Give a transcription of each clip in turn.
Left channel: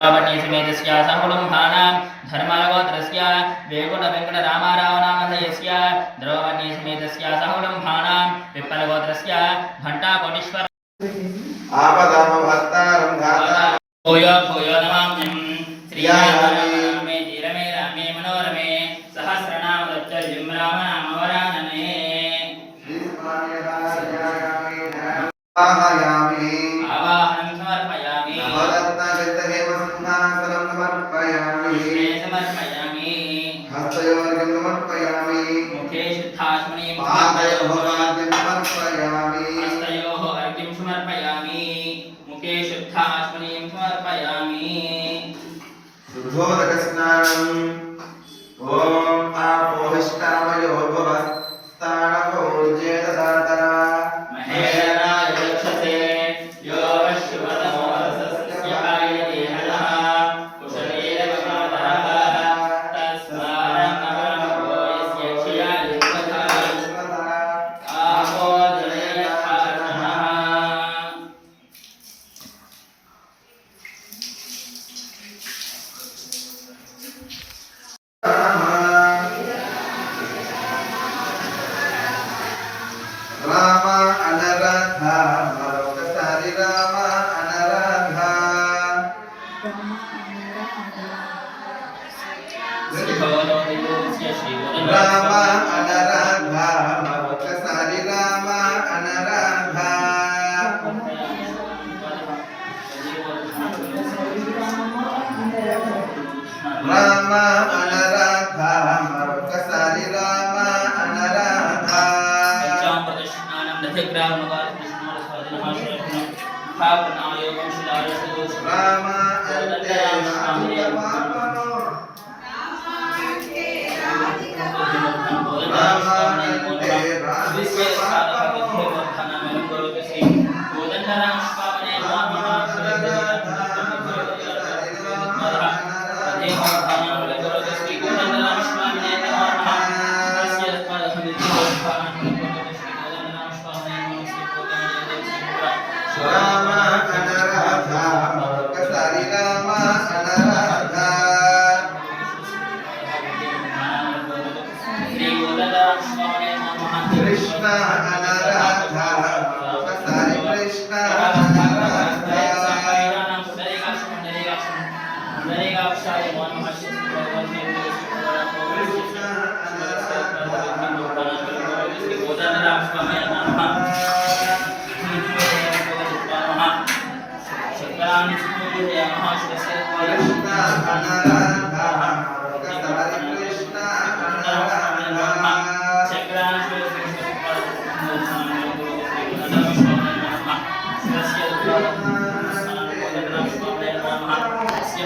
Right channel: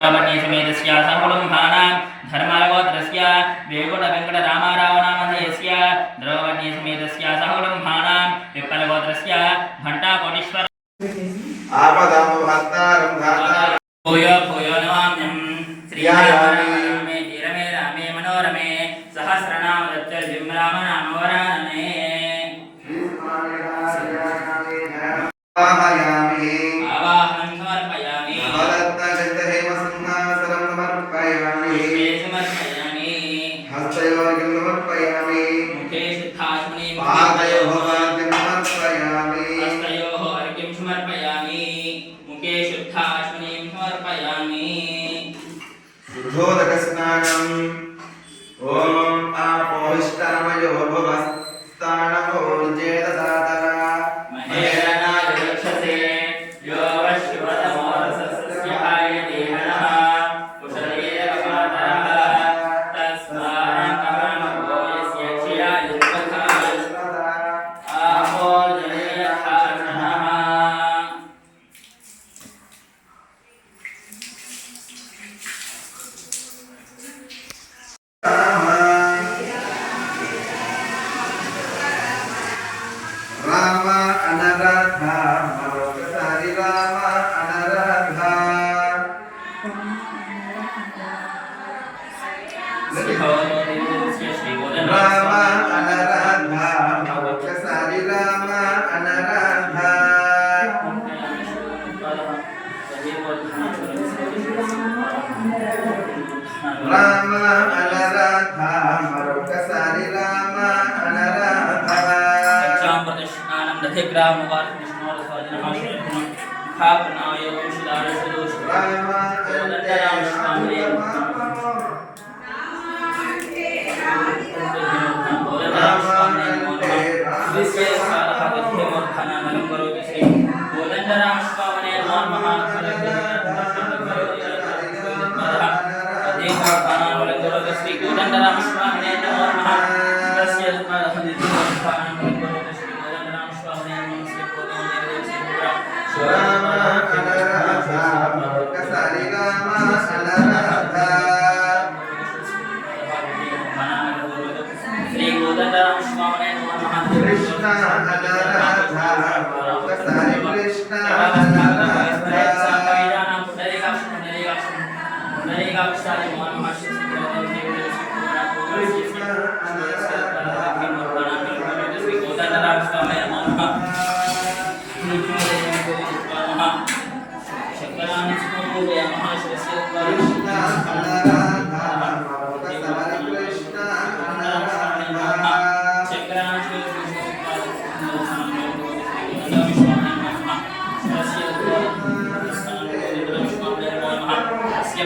समेतस्य सकुटुम्बानां धर्मरगोत्रस्य वेंकटरामारावनामधेयस्य द्रौपदीसमेतस्य सकुटुम्बानां विप्लवगोत्रस्य घण्टाकोटीश्वर आपदामभक्तारं धाता भूयो भूयो नमाम्यहं श्रीरामे धीरमे रामे मनोरमे सहस्रनाम तत्तुल्यं रामनामवरानने आवाहयामि आवाहनं समर्पयामि नवरत्नगन्धहेम सिंहासनं समर्पयामि समर्पयामि हस्तयोर्घ्यं समर्पयामि मुखे शुद्धात्मने पादयोः अर्घ्यं समर्पयामि हस्तयोः अर्घ्यं समर्पयामि मुखे शुद्धात्मने समर्पयामि शुद्धोदकस्नानम् ॐ आपोहिष्टामयोर्भवस्तानभोर्जे ददातः महेरनाय रक्षसे यो वश्यवतमोरसस्य आयते हनः कुशलेरवपादः तस्मारकमनमो यस्य क्षयाय युष्मतः आपो जलयथानः राम अनराधा मरकतारि राम अनराधा राम अनराधा मरकतारि राम अनराधा राम अनराधा मरकतारि राम अनराधा राम अन्ते राम अनराधा मरकतारि राम अनराधा कृष्ण अनराधा मरकतारि कृष्ण अनराधा कृष्ण अनराधा मरकतारि कृष्ण अनराधा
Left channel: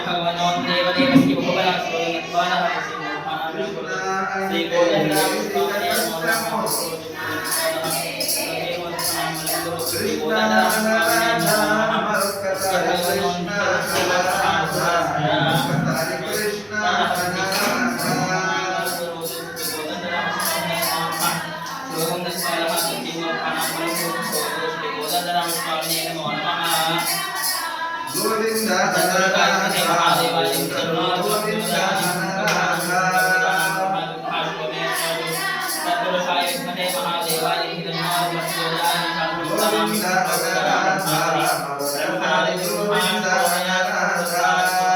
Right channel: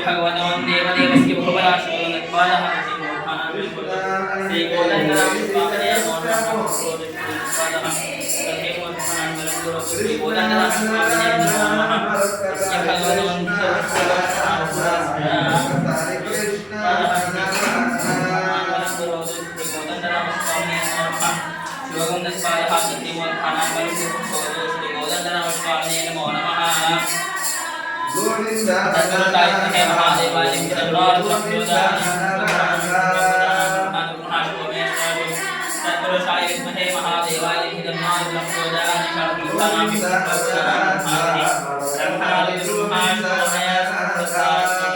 भगवान देवदेवस्य बहुबलाश्वरनत्वादः श्री गोदण्डरामस्वामिने श्री गोदण्डरामस्वामिने नमः यस्य भगवान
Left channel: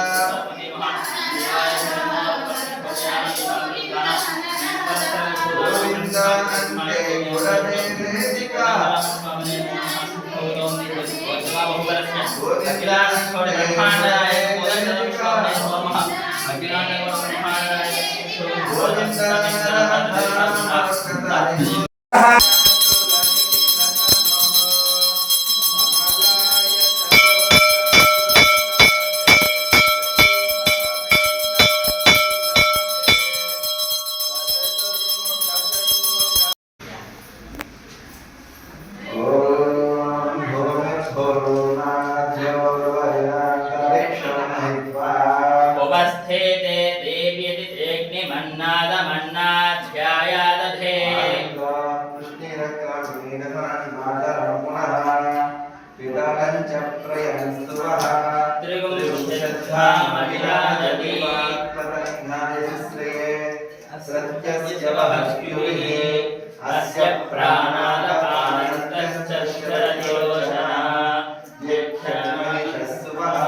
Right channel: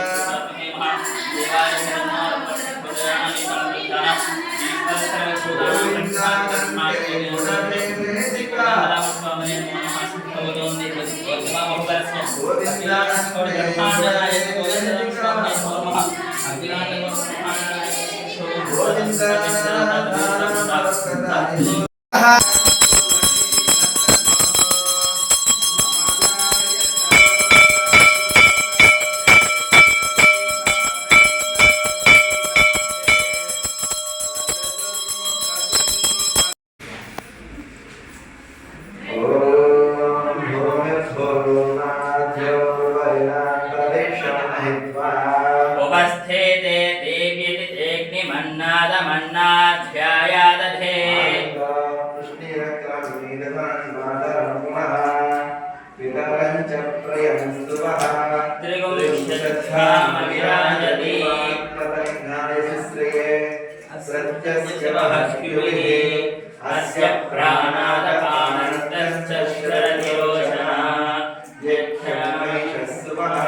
मरकतारि कृष्ण गोविंद उपस्थिते देव्यति अग्निमन्नादमन्नाध्यायादधे त्रिगुं धामविराजति सत्यस्य महत्युः अस्य प्राणादपानन्तश्च शरदिरोचना यक्षमहिषस्सुवः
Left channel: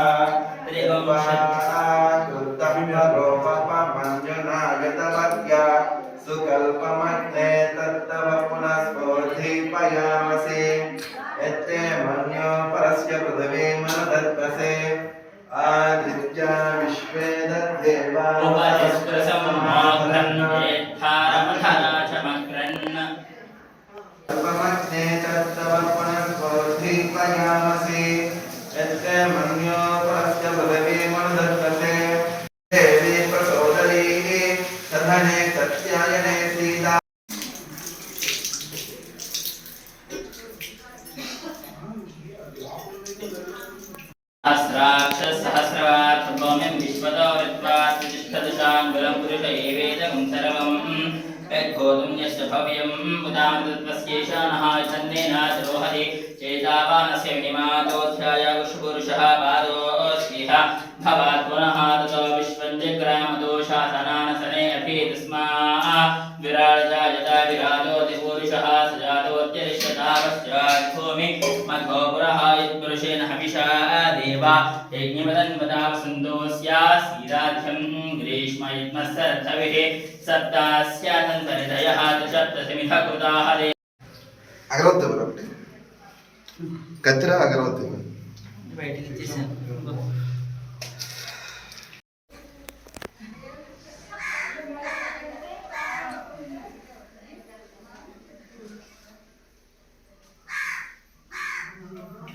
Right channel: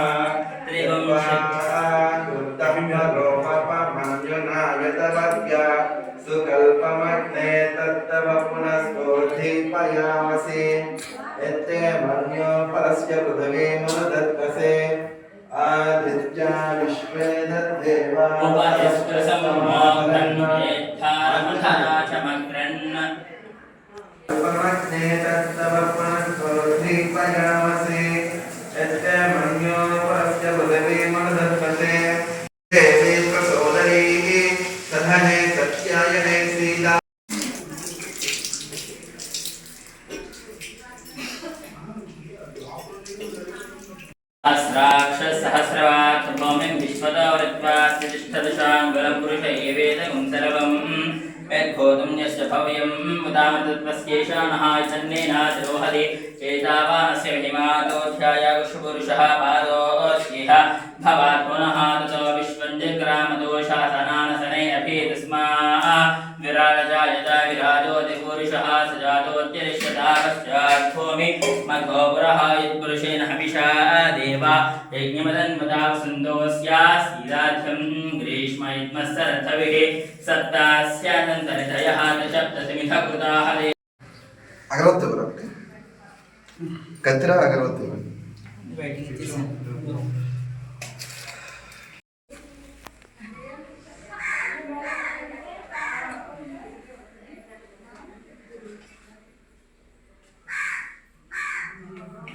सुकल्पमग्ने तत्तव पुनस्फूर्तिपयामसि यत्ते मन्यो परस्य पृथिवी मनुदत्तसे आदित्या विश्वे दद्देवा उपतिष्ठसम्मोहन् येत्थारमधना च मक्रन् उपमग्ने तत्तव पुनस्फूर्तिपयामसि यत्ते मन्यो परस्य पृथिवी मनुदत्तसे देवी प्रचोदयैः सधने सत्यायने सीता सहस्राक्षसहस्रवात् भौम्यं विश्वतोरित्वात् तिष्ठदशाङ्गुलं पुरुष एवेदं सर्वम् यद्भूतं यस्य भव्यं मुदामृतत्वस्येषा नः छन्देनातिरोहति चेतावानस्य विनिमातोऽध्याय कुशपुरुषः पादोऽस्येह भवात् पुनः ततो विश्वं जग्रामदोषासनानसने अपि तस्मा विराजजायत विराजोऽतिपुरुषः स जातोऽत्यरिष्यता पश्चात् भूमि मध्वपुरः यत्पुरुषेण हविषा देवा यज्ञमदन्वता वसन्तोऽस्यासीराध्यं ग्रीष्म इत्मस्सरथविः सप्तास्यानन्तरितयः त्रिसप्तशमिथ कृताः अगरवत्ती ఒకటి కత్తిరా అగరవత్తి బయటికి తీసాను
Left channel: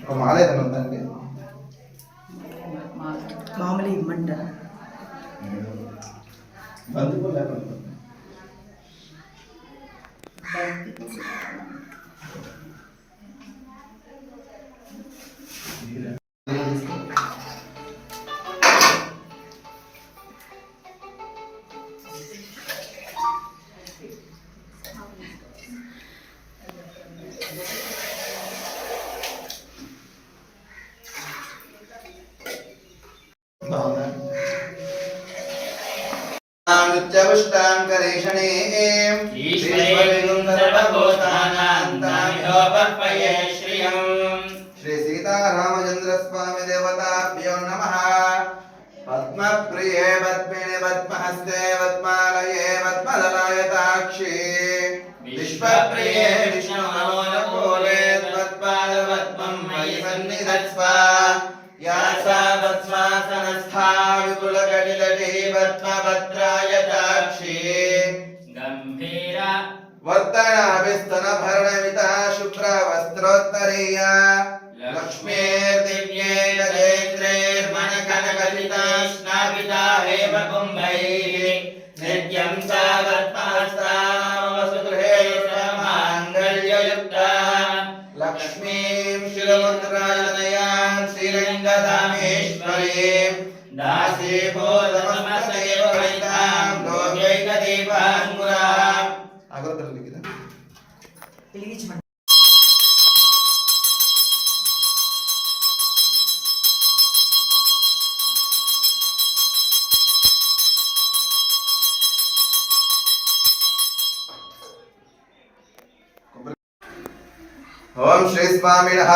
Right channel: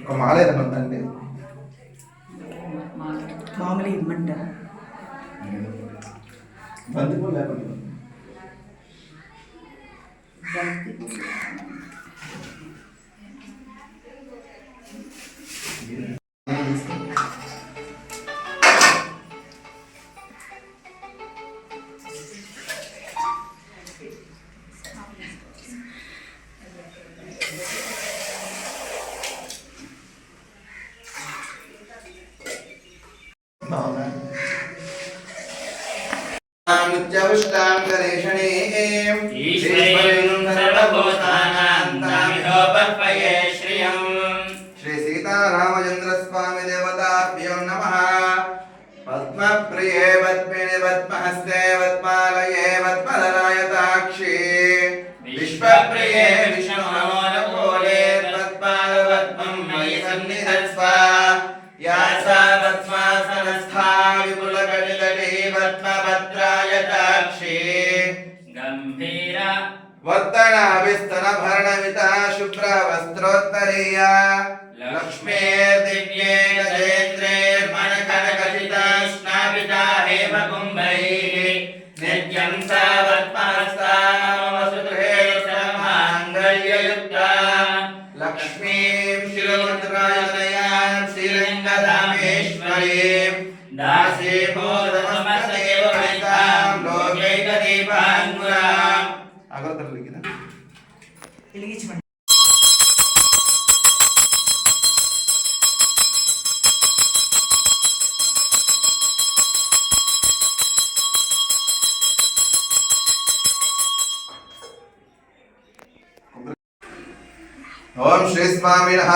ఒక మాల ఏమందండి మామూలు ఇమ్మంటారా బంతిపూలు లేకుండా नित्यपुष्टां करेषणीं ईश्वरेणुं सर्वभूतानां नामिहोपह्वये श्रियम् श्री सीतारामचन्द्रस्वामी देवताभ्यो नमः पद्मप्रिये पद्मिनि पद्महस्ते पद्मालये पद्मदलायताक्षी विश्वप्रिये विष्णुमनोरकोले तत्पादपद्मं मयि सन्निधत्स्व या सा पद्मासनस्था विपुलकटितटी पद्मभद्रायताक्षी गम्भीरा वर्धनाभिस्तनभरणमिता शुभ्रवस्त्रोत्तरीया लक्ष्मीर्दिव्ये गजेन्द्रैर्मणकनकचिता स्नापिता हेमकुम्भैः नित्यं सा पद्महस्ता मम सुगृहे माङ्गल्ययुक्ता लक्ष्मीं शिरोमुद्रायतनयां श्रीरङ्गधामेश्वरीं दासीभूतमस्तेव वैतां लोकैकदीपाङ्कुराम् अगरबत्ती लिखिना వెలిగించమండి ओम श्री स्वामिनः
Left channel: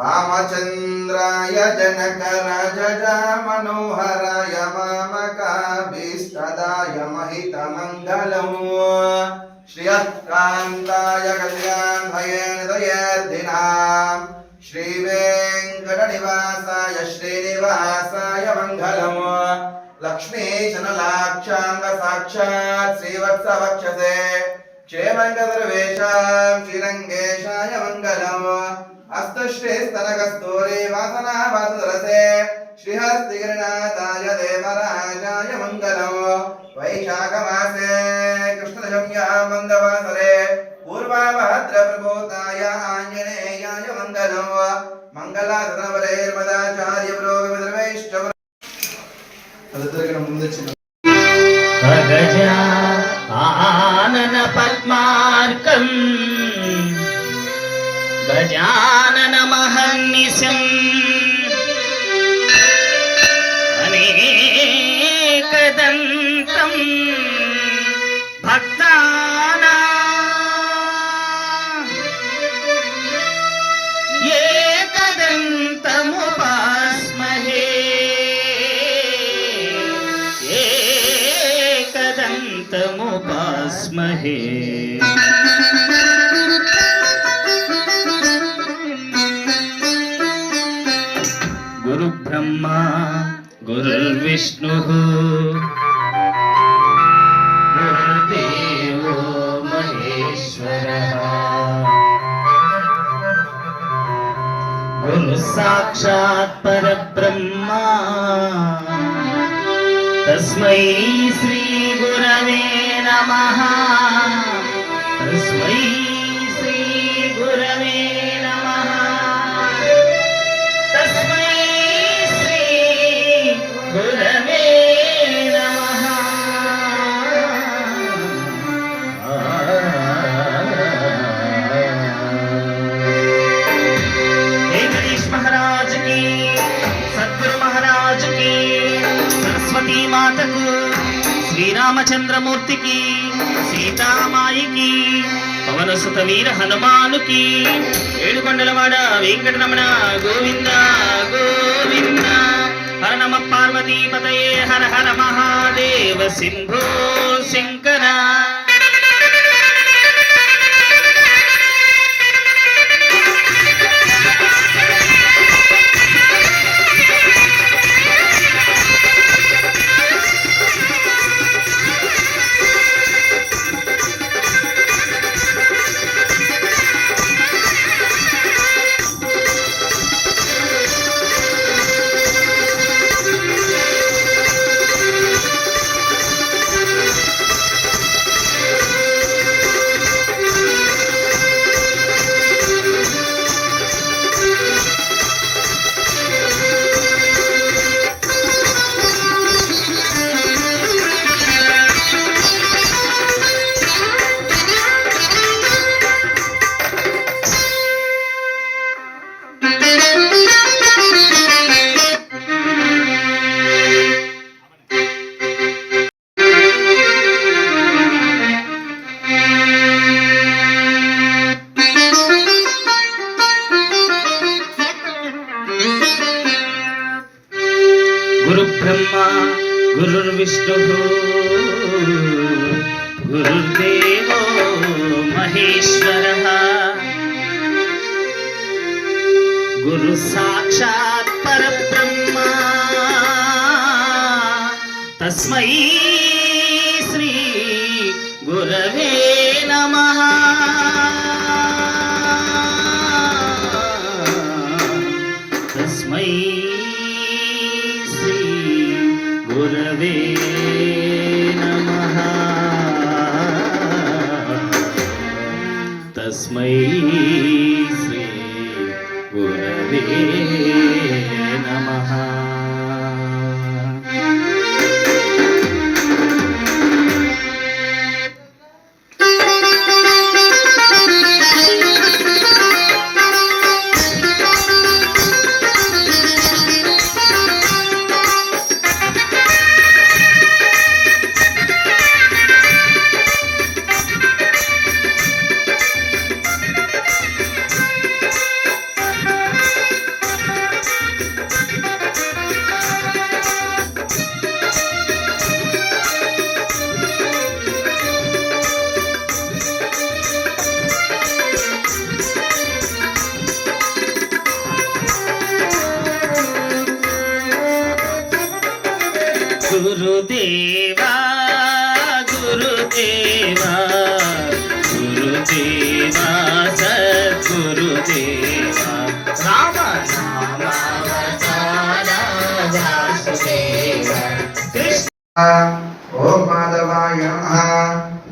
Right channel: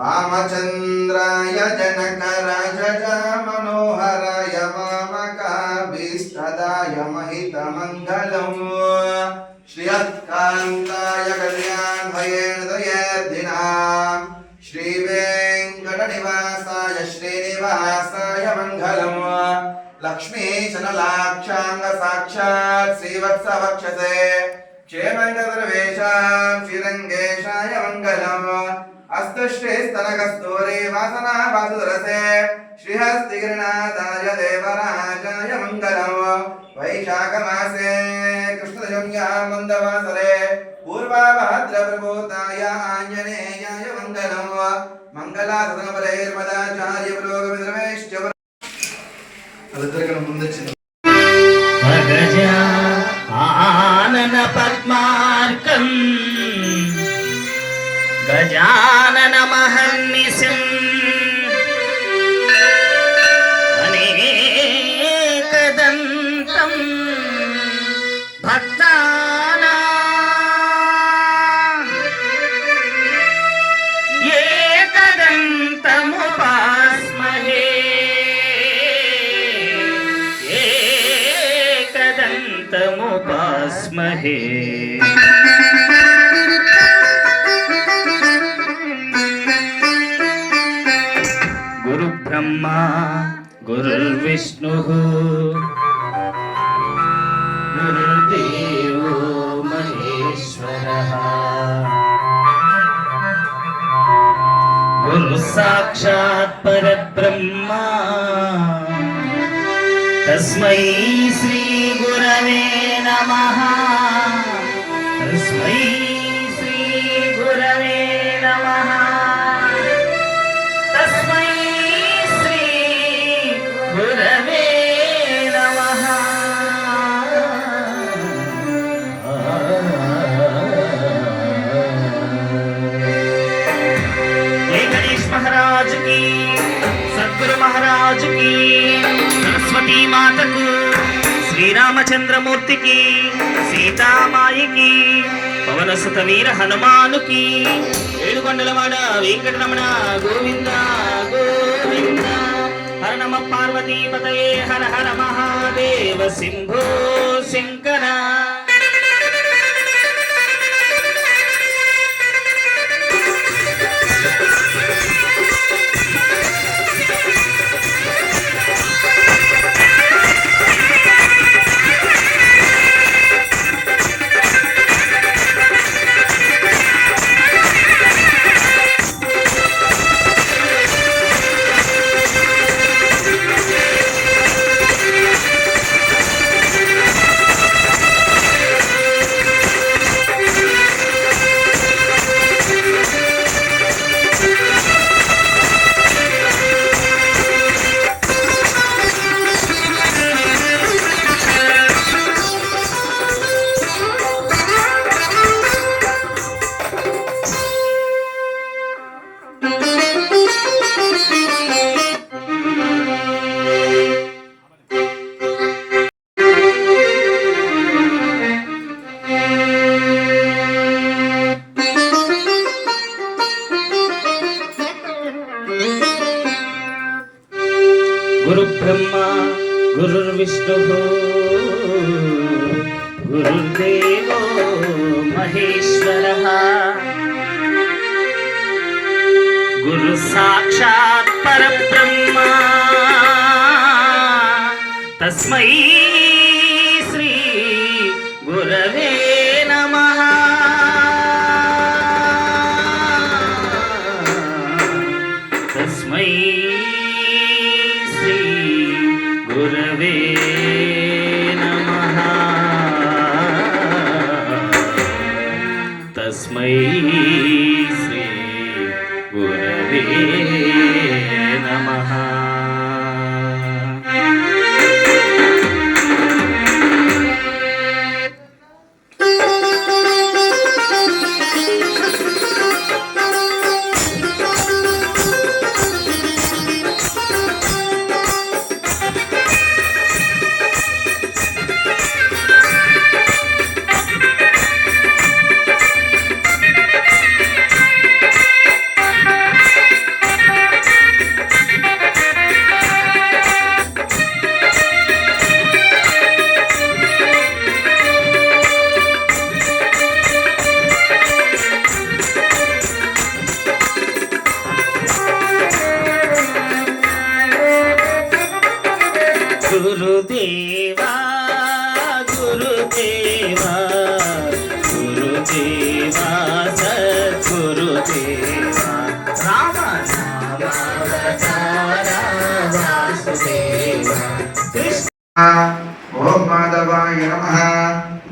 रामचंद्राय जनकराजजा मनोहराय मामकाभीष्टदाय महितमङ्गलम् श्रियकान्ताय कल्याणभयेर्दयेर्दिनाम् श्रीवेङ्कटनिवासाय श्रीनिवासाय मङ्गलम् लक्ष्मीचनलाक्षाङ्ग साक्षात् श्रीवत्सवक्षसे क्षेमङ्गदर्वेशां श्रीरङ्गेशाय मङ्गलम् अस्तुष्टेस्तनकस्तूरी वासना वासुदरसे श्रीहस्तिगिरिनाथाय देवराजाय मङ्गलम् वैशाखमासे कृष्णदशम्यां मन्दवासरे पूर्वाभाद्रप्रभूताय आञ्जनेयाय मङ्गलम् मङ्गलासनपरैर्मदाचार्यपुरोगमिद्रमेश्च गजानन पद्मार्कं गजानन महर्निशम् एकदन्तं भक्तानां एकदन्तमुपास्महे एकदन्तमुपास्महे गुरु ब्रह्मा गुरुर्विष्णुः गुरुर्देवो महेश्वरः गुरु साक्षात् परब्रह्मा तस्मै श्री गुरवे नमः तस्मै श्री गुरवे नमः तस्मै श्री गुरवे नमः गणेश महाराज की सद्गुरु महाराज की सरस्वती माता को श्री रामचंद्रमूर्ति की सीता माई की पवन सुत वीर हनुमान की ఏడుకొండలవాడ వెంకటరమణ గోవింద గోవింద హర నమ పార్వతీ పతయే హర హర మహాదేవ శంభో శంకర गुरु ब्रह्मा गुरुर्विष्णुः गुरुर्देवो महेश्वरः गुरु साक्षात् परब्रह्मा तस्मै श्री गुरवे नमः तस्मै गुरवे नमः तस्मै श्री गुरवे नमः गुरुदेवा गुरुदेवा गुरुदेवा सद्गुरुदेवा राम नाम अवतारा वासुदेवा कृष्ण ओम माधवाय नमः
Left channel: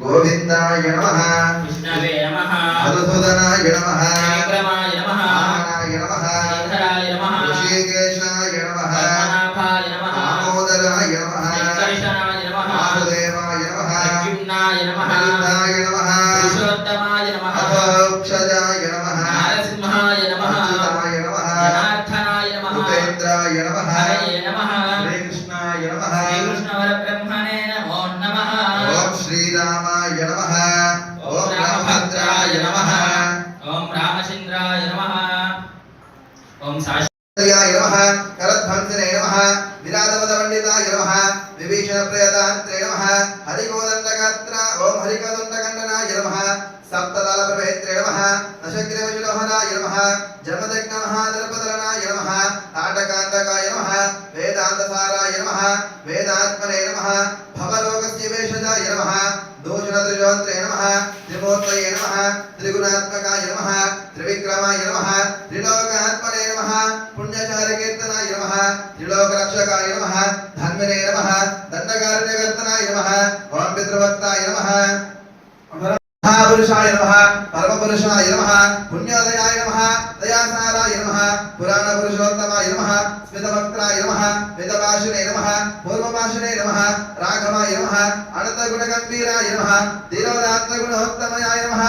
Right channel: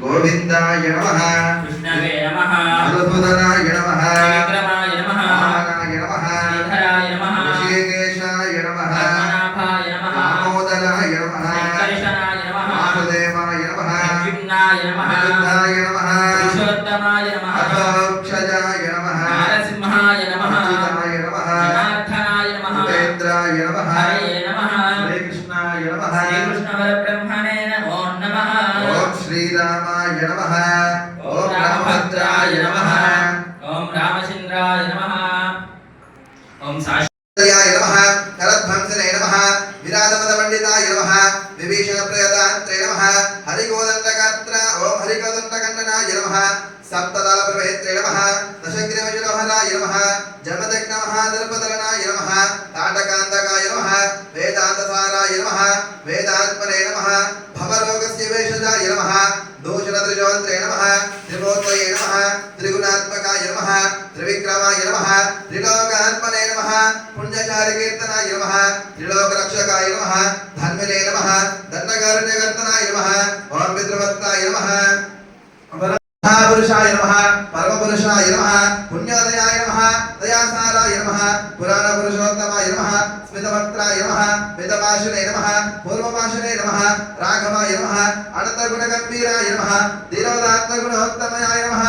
गोविंदाय नमः कृष्णवे नमः मधुसूदनाय नमः विक्रमाय नमः वामनाय नमः श्रीधराय नमः ऋषिकेशाय नमः पद्मनाभाय नमः दामोदराय नमः संकर्षणाय नमः वासुदेवाय नमः प्रद्युम्नाय नमः अनिरुद्धाय नमः पुरुषोत्तमाय नमः अक्षजाय नमः नरसिंहाय नमः अच्युताय नमः जनार्दनाय नमः भूपेन्द्राय नमः हरये नमः श्रीकृष्णाय नमः श्रीकृष्णवरब्रह्म नमः ओम रामभद्राय नमः ओम रामचंद्राय नमः ओम साक्षाय नमः करध्वंसने नमः विराजपदपण्डिताय नमः विभीषणप्रियदान्त्रे नमः हरिकोदण्डगात्र ओम हरिकोदण्डकण्डनाय नमः सप्तदलप्रभेत्रे नमः दशग्रीवशिरोहराय नमः जमदग्नमहादर्पदलनाय नमः ताटकान्तकाय नमः वेदान्तसाराय नमः वेदात्मने नमः भवरोगस्य वेषजाय नमः दूषणत्रिजोन्त्रे नमः त्रिमूर्तये नमः त्रिगुणात्मकाय नमः त्रिविक्रमाय नमः त्रिलोकात्मने नमः पुण्यचारकीर्तनाय नमः त्रिलोकरक्षकाय नमः धन्वने नमः दण्डकारण्यकर्तनाय नमः ओम पितृभक्ताय नमः महापुरुषाय नमः परमपुरुषाय नमः पुण्योदयाय नमः दयासाराय नमः पुराणपुरुषोत्तमाय नमः स्मितवक्त्राय नमः मितभाषणे नमः पूर्वभाषणे नमः राघवाय नमः अनन्तगुणगम्भीराय नमः धीरोदात्तगुणोत्तमाय नमः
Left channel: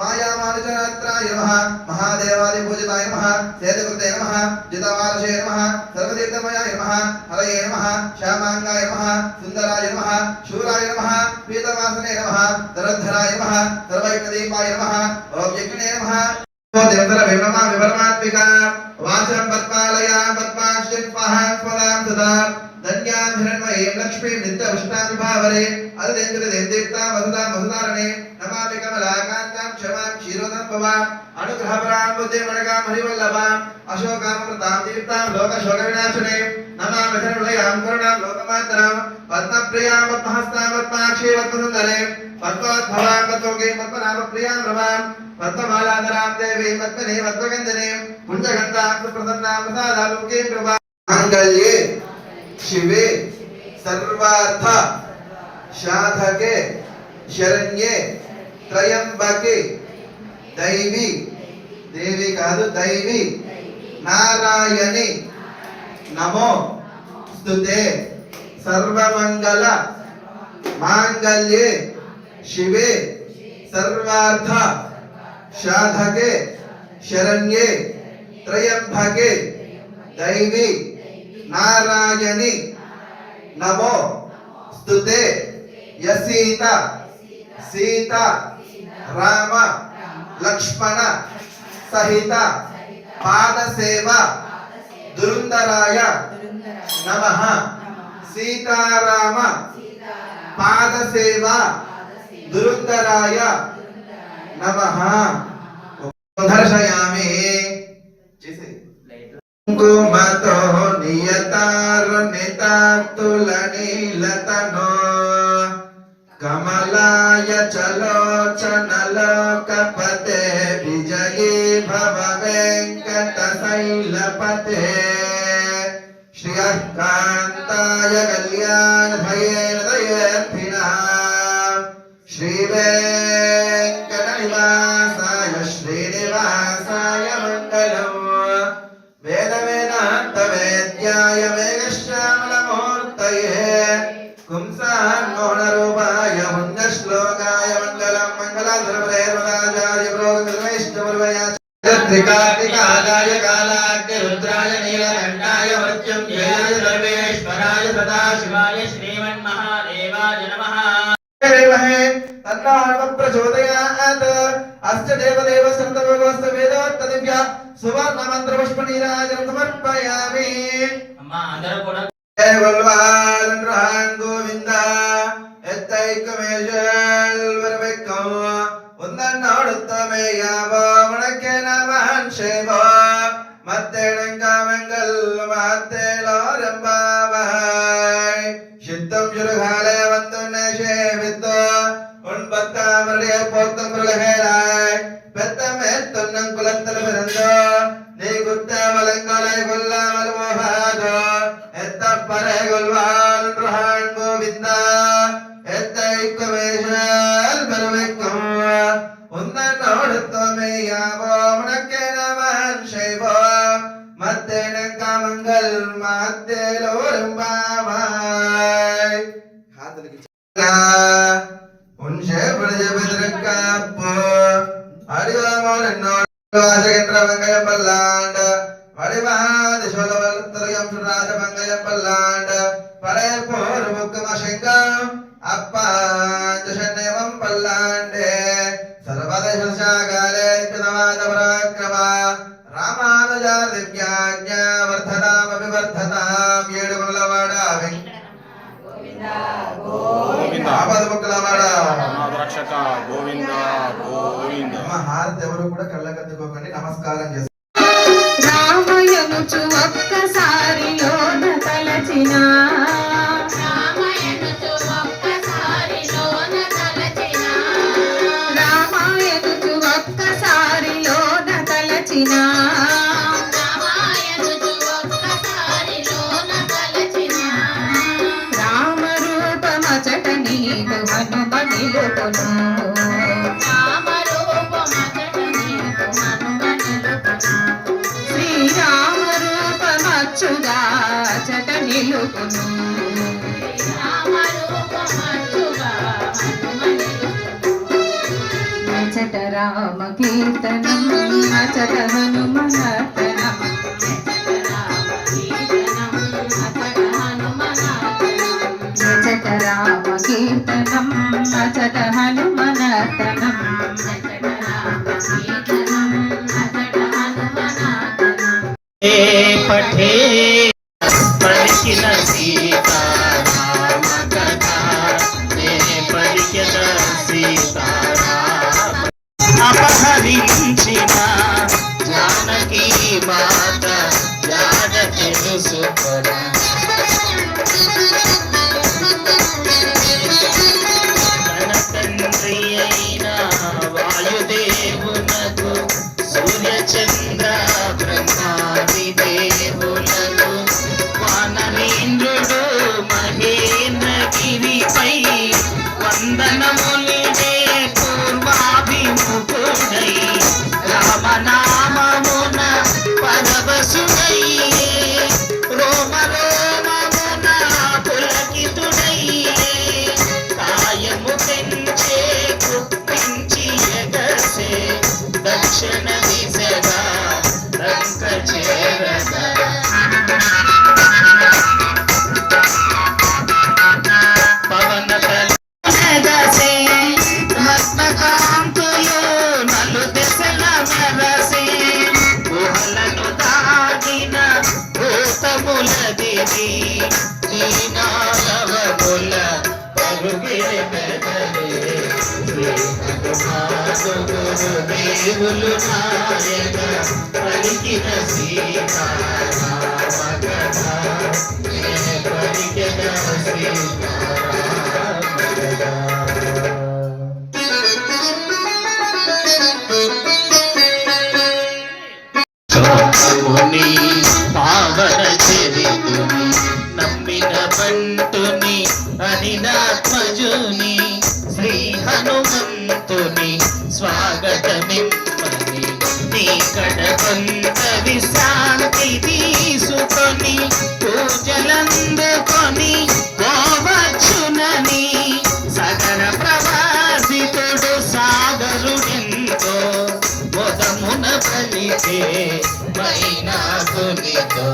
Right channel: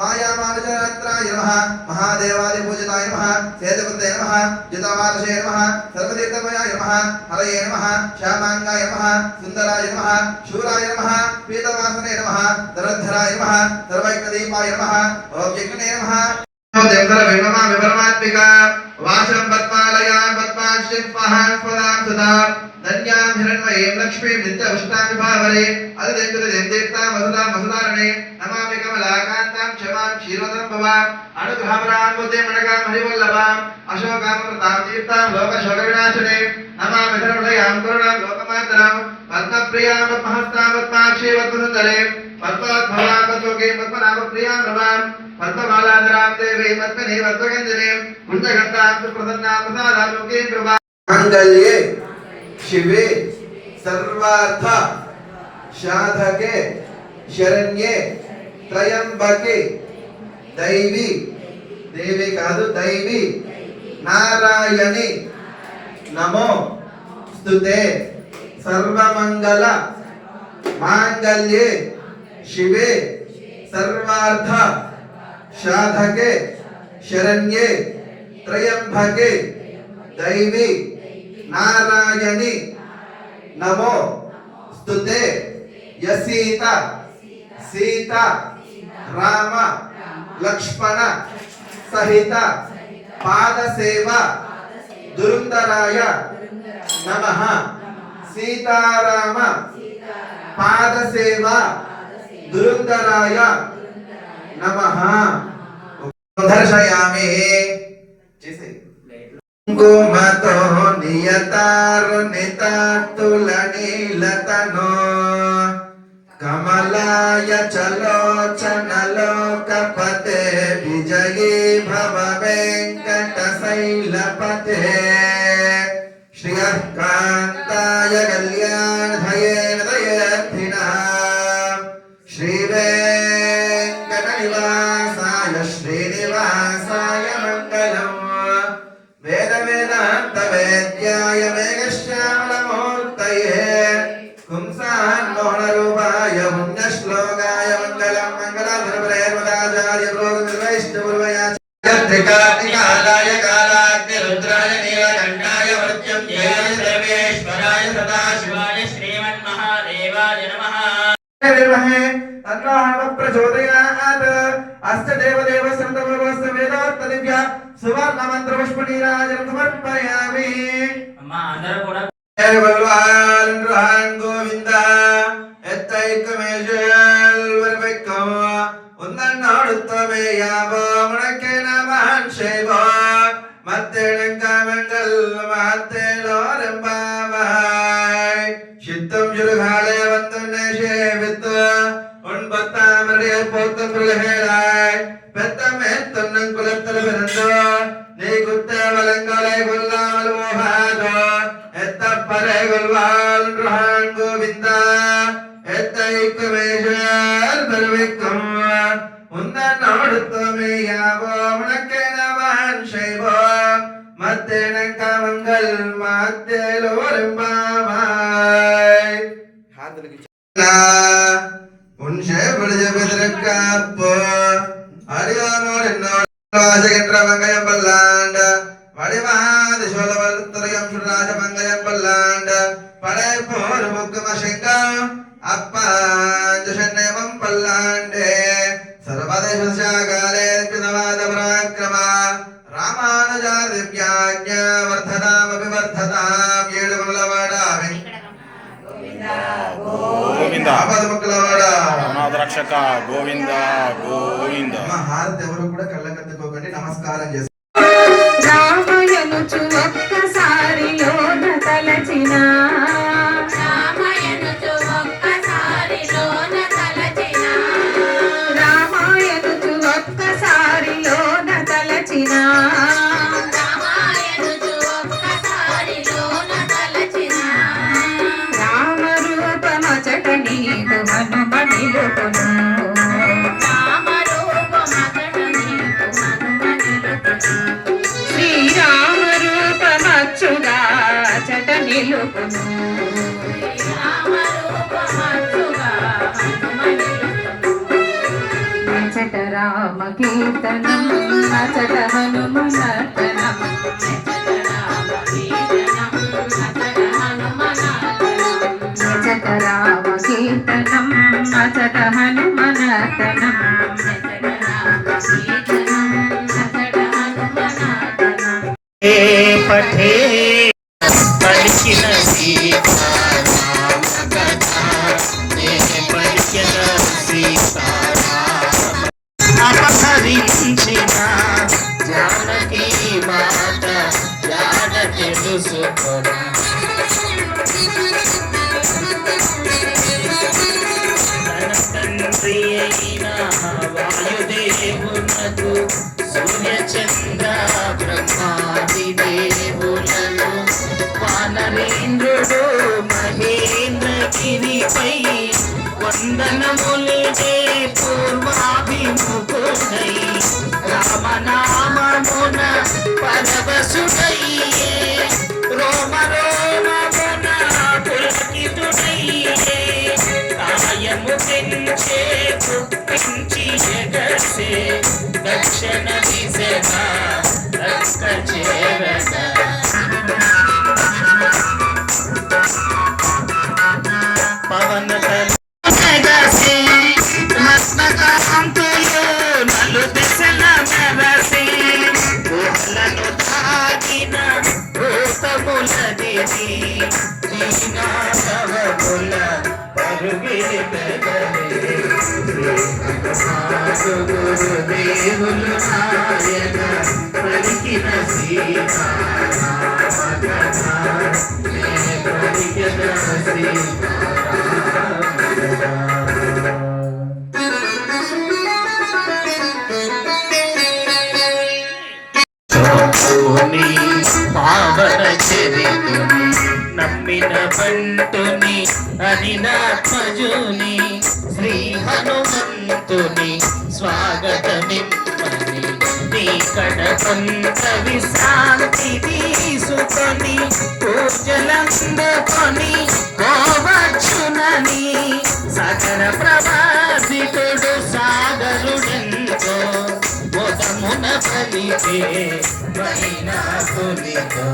मायामानुचरात्राय नमः महादेवादिपूजिताय नमः सेतकृते नमः जितवार्षे नमः सर्वतीर्थमयाय नमः हरये नमः श्यामाङ्गाय नमः सुन्दराय नमः शूराय नमः पीतवासने नमः दरद्धराय नमः सर्वैकदीपाय नमः ओम यज्ञने नमः देवतर विभमा विपरमात्मिका वाचं पद्मालयां पद्माश्चिं पहां स्वदां सदा धन्यां हिरण्मयीं लक्ष्मीं नित्यपुष्टां विभावरे अदितेन्द्रदेवतीर्थां वसुधां वसुधारणे नमामि कमलाकान्तां क्षमां क्षीरोदं भवाम् अनुग्रहपरां बुद्धिमणकां हरिवल्लभां अशोकामृतां तीर्थां लोकशोकविनाशिने नमामि धनुलयां करुणां लोकमातरां पद्मप्रियां पद्महस्तां पद्माक्षीं पद्मसुन्दरे पद्मोद्भवां पद्मोगे पद्मनाभप्रियां रमां पद्ममालाधरां देवीं पद्मिनीं पद्मगन्धिनीं पुण्यगन्धां सुप्रसन्नां प्रसादालोकीं कृपां माङ्गल्ये शिवे सर्वार्थ साधके शरण्ये त्रयंबके दैवी देवी कादु दैवी नारायणी नमो स्तुते सर्वमंगल मांगल्ये शिवे सर्वार्थ साधके शरण्ये त्रयंबके दैवी नारायणी नमो स्तुते यसीता सीता राम लक्ष्मण सहित पाद सेवा दुरुंदराय नमः सीताराम पाद सेवा दुरुंदराय नमः दर्शयामि कुमतो नियतारुणितातुलनीलतनो कमलाय चलोचनलोकपते विजयी भव वेङ्कटशैलपते श्रियः कान्ताय कल्याणधये दयेऽर्थिनः श्रीवेङ्कटनिवासाय श्रीनिवासाय मङ्गलम् वेदवेदान्तवेद्याय मेघश्यामलमूर्तये पुंसान्मोहनरूपाय पुण्यश्लोकाय मङ्गलं मङ्गलाधुरप्रेर्वदाचार्य पुरोगमिश्रेष्ठपूर्वयाचार्यत्रिकालाय कालाग्निरुद्राय नीलकण्ठाय मृत्युञ्जयाय सर्वेश्वराय सदाशिवाय श्रीमन्महादेवाय नमः तन्नोऽहमप्रचोदयात् अस्य देवदेवस्य वेदोक्तदिव्या सुवर्णमन्त्रपुष्पनीराजनं समर्पयामि अम्मा अंदर कोड़ा वल्वाल रहान गोविंदा एत्तैकमेशल वरवेक्कम उन्नन्नोडुत्तमे यावो मुणकेन महान् शेवो मत्तेणङ्कामङ्गल मत्तेलोरम्बावहाय शित्तं जुरुघाले वन्तुने शेवित्त उन्पत्तामरडे पोत्तकुलहेलाय பெத்தமேத்துன்னங்குலத்தலபிறந்தோ நீ குத்த வலங்களை கொல்லாமல் போகாதோ எத்தப்பறை கொள்வாள் ருஹான் கோவிந்தா எத்தைக்குமேஷல் பெருமைக்கும் உந்தன்னோடுத்தமே யாவோ உனக்கே நமன் செய்வோ மத்தேனக்காமங்கள் மாத்தேலோரும்பாவாய் உன்ஷே பிரஜபதிரக்காப்போ அடியாமோன் என்னோட வாசகன்ற மங்கையம் பல்லாண்ட வடிவாதி சோழவல்லுத்தரையம் சுராஜ மங்கையம் பல்லாண்ட படைய పూర్వముఖమశంగం అప్పాంజనేమం పల్లాండే సర్వదేశశాకాలే పితమాద పరాక్రమ రామానుజా దివ్యాజ్ఞ వర్ధనామపి వర్ధతాం ఏడుగులవాడ గోవింద ఆపదముక్కులవాడ అనాథ రక్షక గోవింద గోవింద. హారతి ఎవరు కూడా కళ్ళకత్తుకోకండి, నమస్కారం చేస్తారు. రామయనుచు ఒక్కసారి లోన తలచిన రామాయణుచు ఒక్కసారి లోన తలచిన రామాయణుచు ఒక్కసారి లోన తలచిన రామాయణుచు ఒక్కసారి లోన తలచిన రామరూపమచట నీకు హనుమ నిలుపును రామరూపమచట నీకు హనుమ నిలుపును శ్రీరామ రూపమచ్చుగా చట నిలుపును రామ రూపమచ్చుగా హనుమ నిలుపును అచట రామ కీర్తనం అచట హనుమ నర్తనం అచట రామ కీర్తనం అచట హనుమ నర్తనం అచట రామ కీర్తనం అచట హనుమ నర్తనం అచట రామ కీర్తనం అచట హనుమ నర్తనం పఠే పలికిన సీతారామ కథ పలికిన సీతారామ అపహరించిన జానకి మాత జాగ తెలుసుకొని తన తండ్రి అయిన వాయుదేవునకు సూర్యచంద్ర బ్రహ్మాది దేవులను వానరేంద్రుడు మహేంద్రగిరిపై వందనములిడే పూర్వాభిముఖుడై రామనామమున పరవశుడై రోమ రోమమున పులకితుడై కాయము పెంచే కుప్పించి ఎగసే దక్షిణ దిశగా రంక చేరగా పవన ఎగసే రత్నకాంతులు నలు దశల మెరసి గుహలను దాగిన భూతములదిది దీనాధవముల పరుగిరి పెదరి గురుదేవులు నాయన పలికిన సీతారామ కథ పలికిన సీతారామ కథ. చోని పావన చరితుని నమ్మిన పంటుని అనిలాత్మజుని శ్రీ హనుమంతుని స్వాగతమిమ్మని నీ కడకంత విశ్రాంతి తీసుకొని పూజలందుకొని గోవచ్చునని సగర ప్రవాసితుడు సాగరుడెంతో మొదమున పలికే మైనాకునితో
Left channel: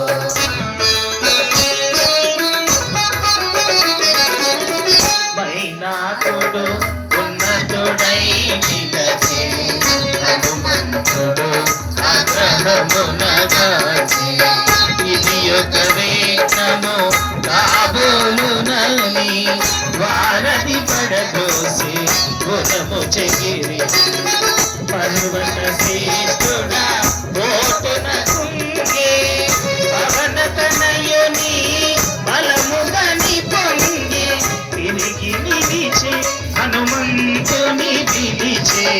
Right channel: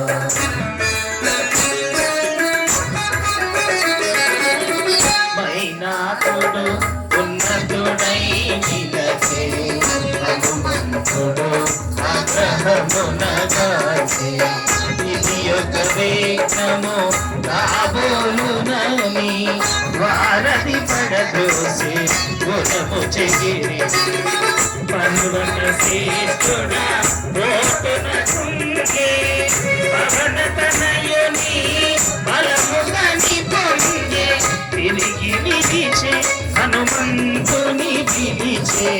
మైనాకుడు ఉన్నతుడై నిలచే హనుమంతుడు ఆగ్రహమున కాచి ఇది ఒక రేఖను కాబోలునని వారధి పడదోసి గుణము చెగిరి పర్వత శ్రేష్ఠుడా ఓటున కుంగే పవన తనయుని బలముగని పొంగే తిరిగి నిలిచే హనుమంతుని విధిచే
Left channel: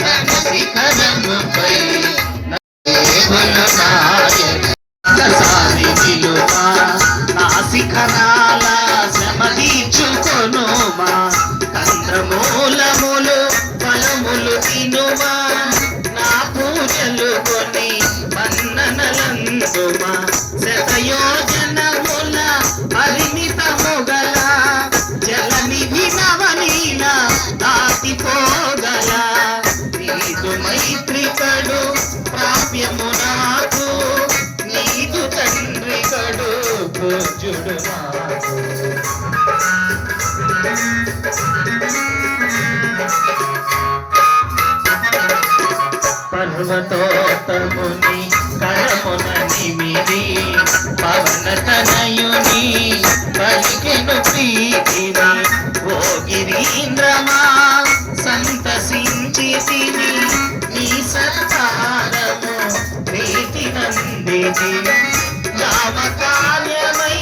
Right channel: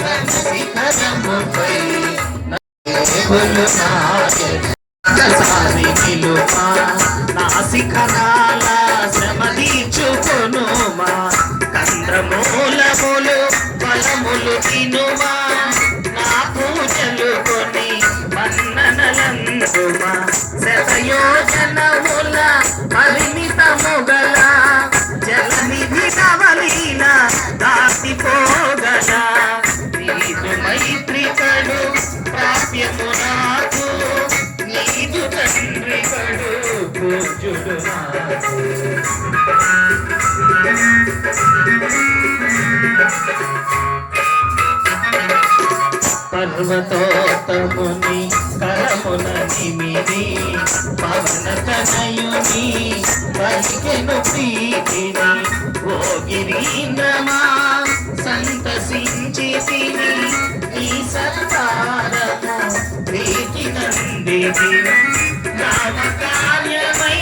తన శిఖరముపై దేవులు నాయసారి కిలుమా నా శిఖరాల శ్రమ తీర్చుకొనుమా కంద్రమూలములు ఫలములు తినుమా నా పూజలు కొని మన్ననలందుమా శతయోజనముల పరిమితముగల జలనిధి నవలీన దాటిపోగల నీదు మైత్రికడు ప్రాప్యము నాకు నీదు తండ్రికడు పూజుడు నాకు పర్వతోత్తముని కరమున నిమిది పవన తనయుని పలికెను ప్రీతిని ఓ గిరీంద్రమా సంతసించితిని ఈ సత్కారము ప్రీతినందిని రామకార్యమై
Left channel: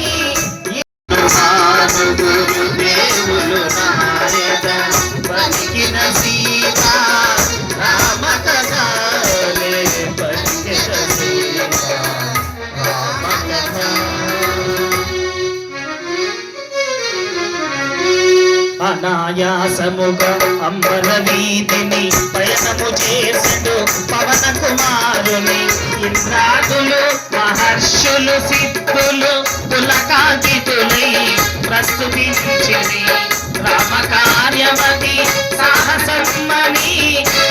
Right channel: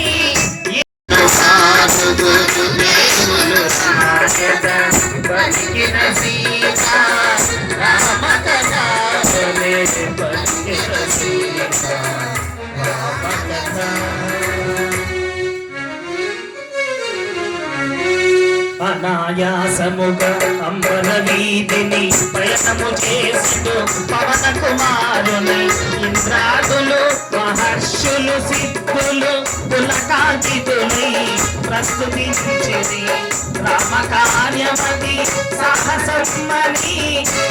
గురు దేవులు పలికిన సీతా రామ కథలే పలికిన సీతా రామ కథ అనాయాసముగా అంబర వీధిని ప్రయత్నము చేసడు పవన కుమారుని ఇంద్రాదులు మహర్షులు సిద్ధులు పులకాంకితులై ప్రస్తుతించిరి రామ కార్యవతి సాహసమని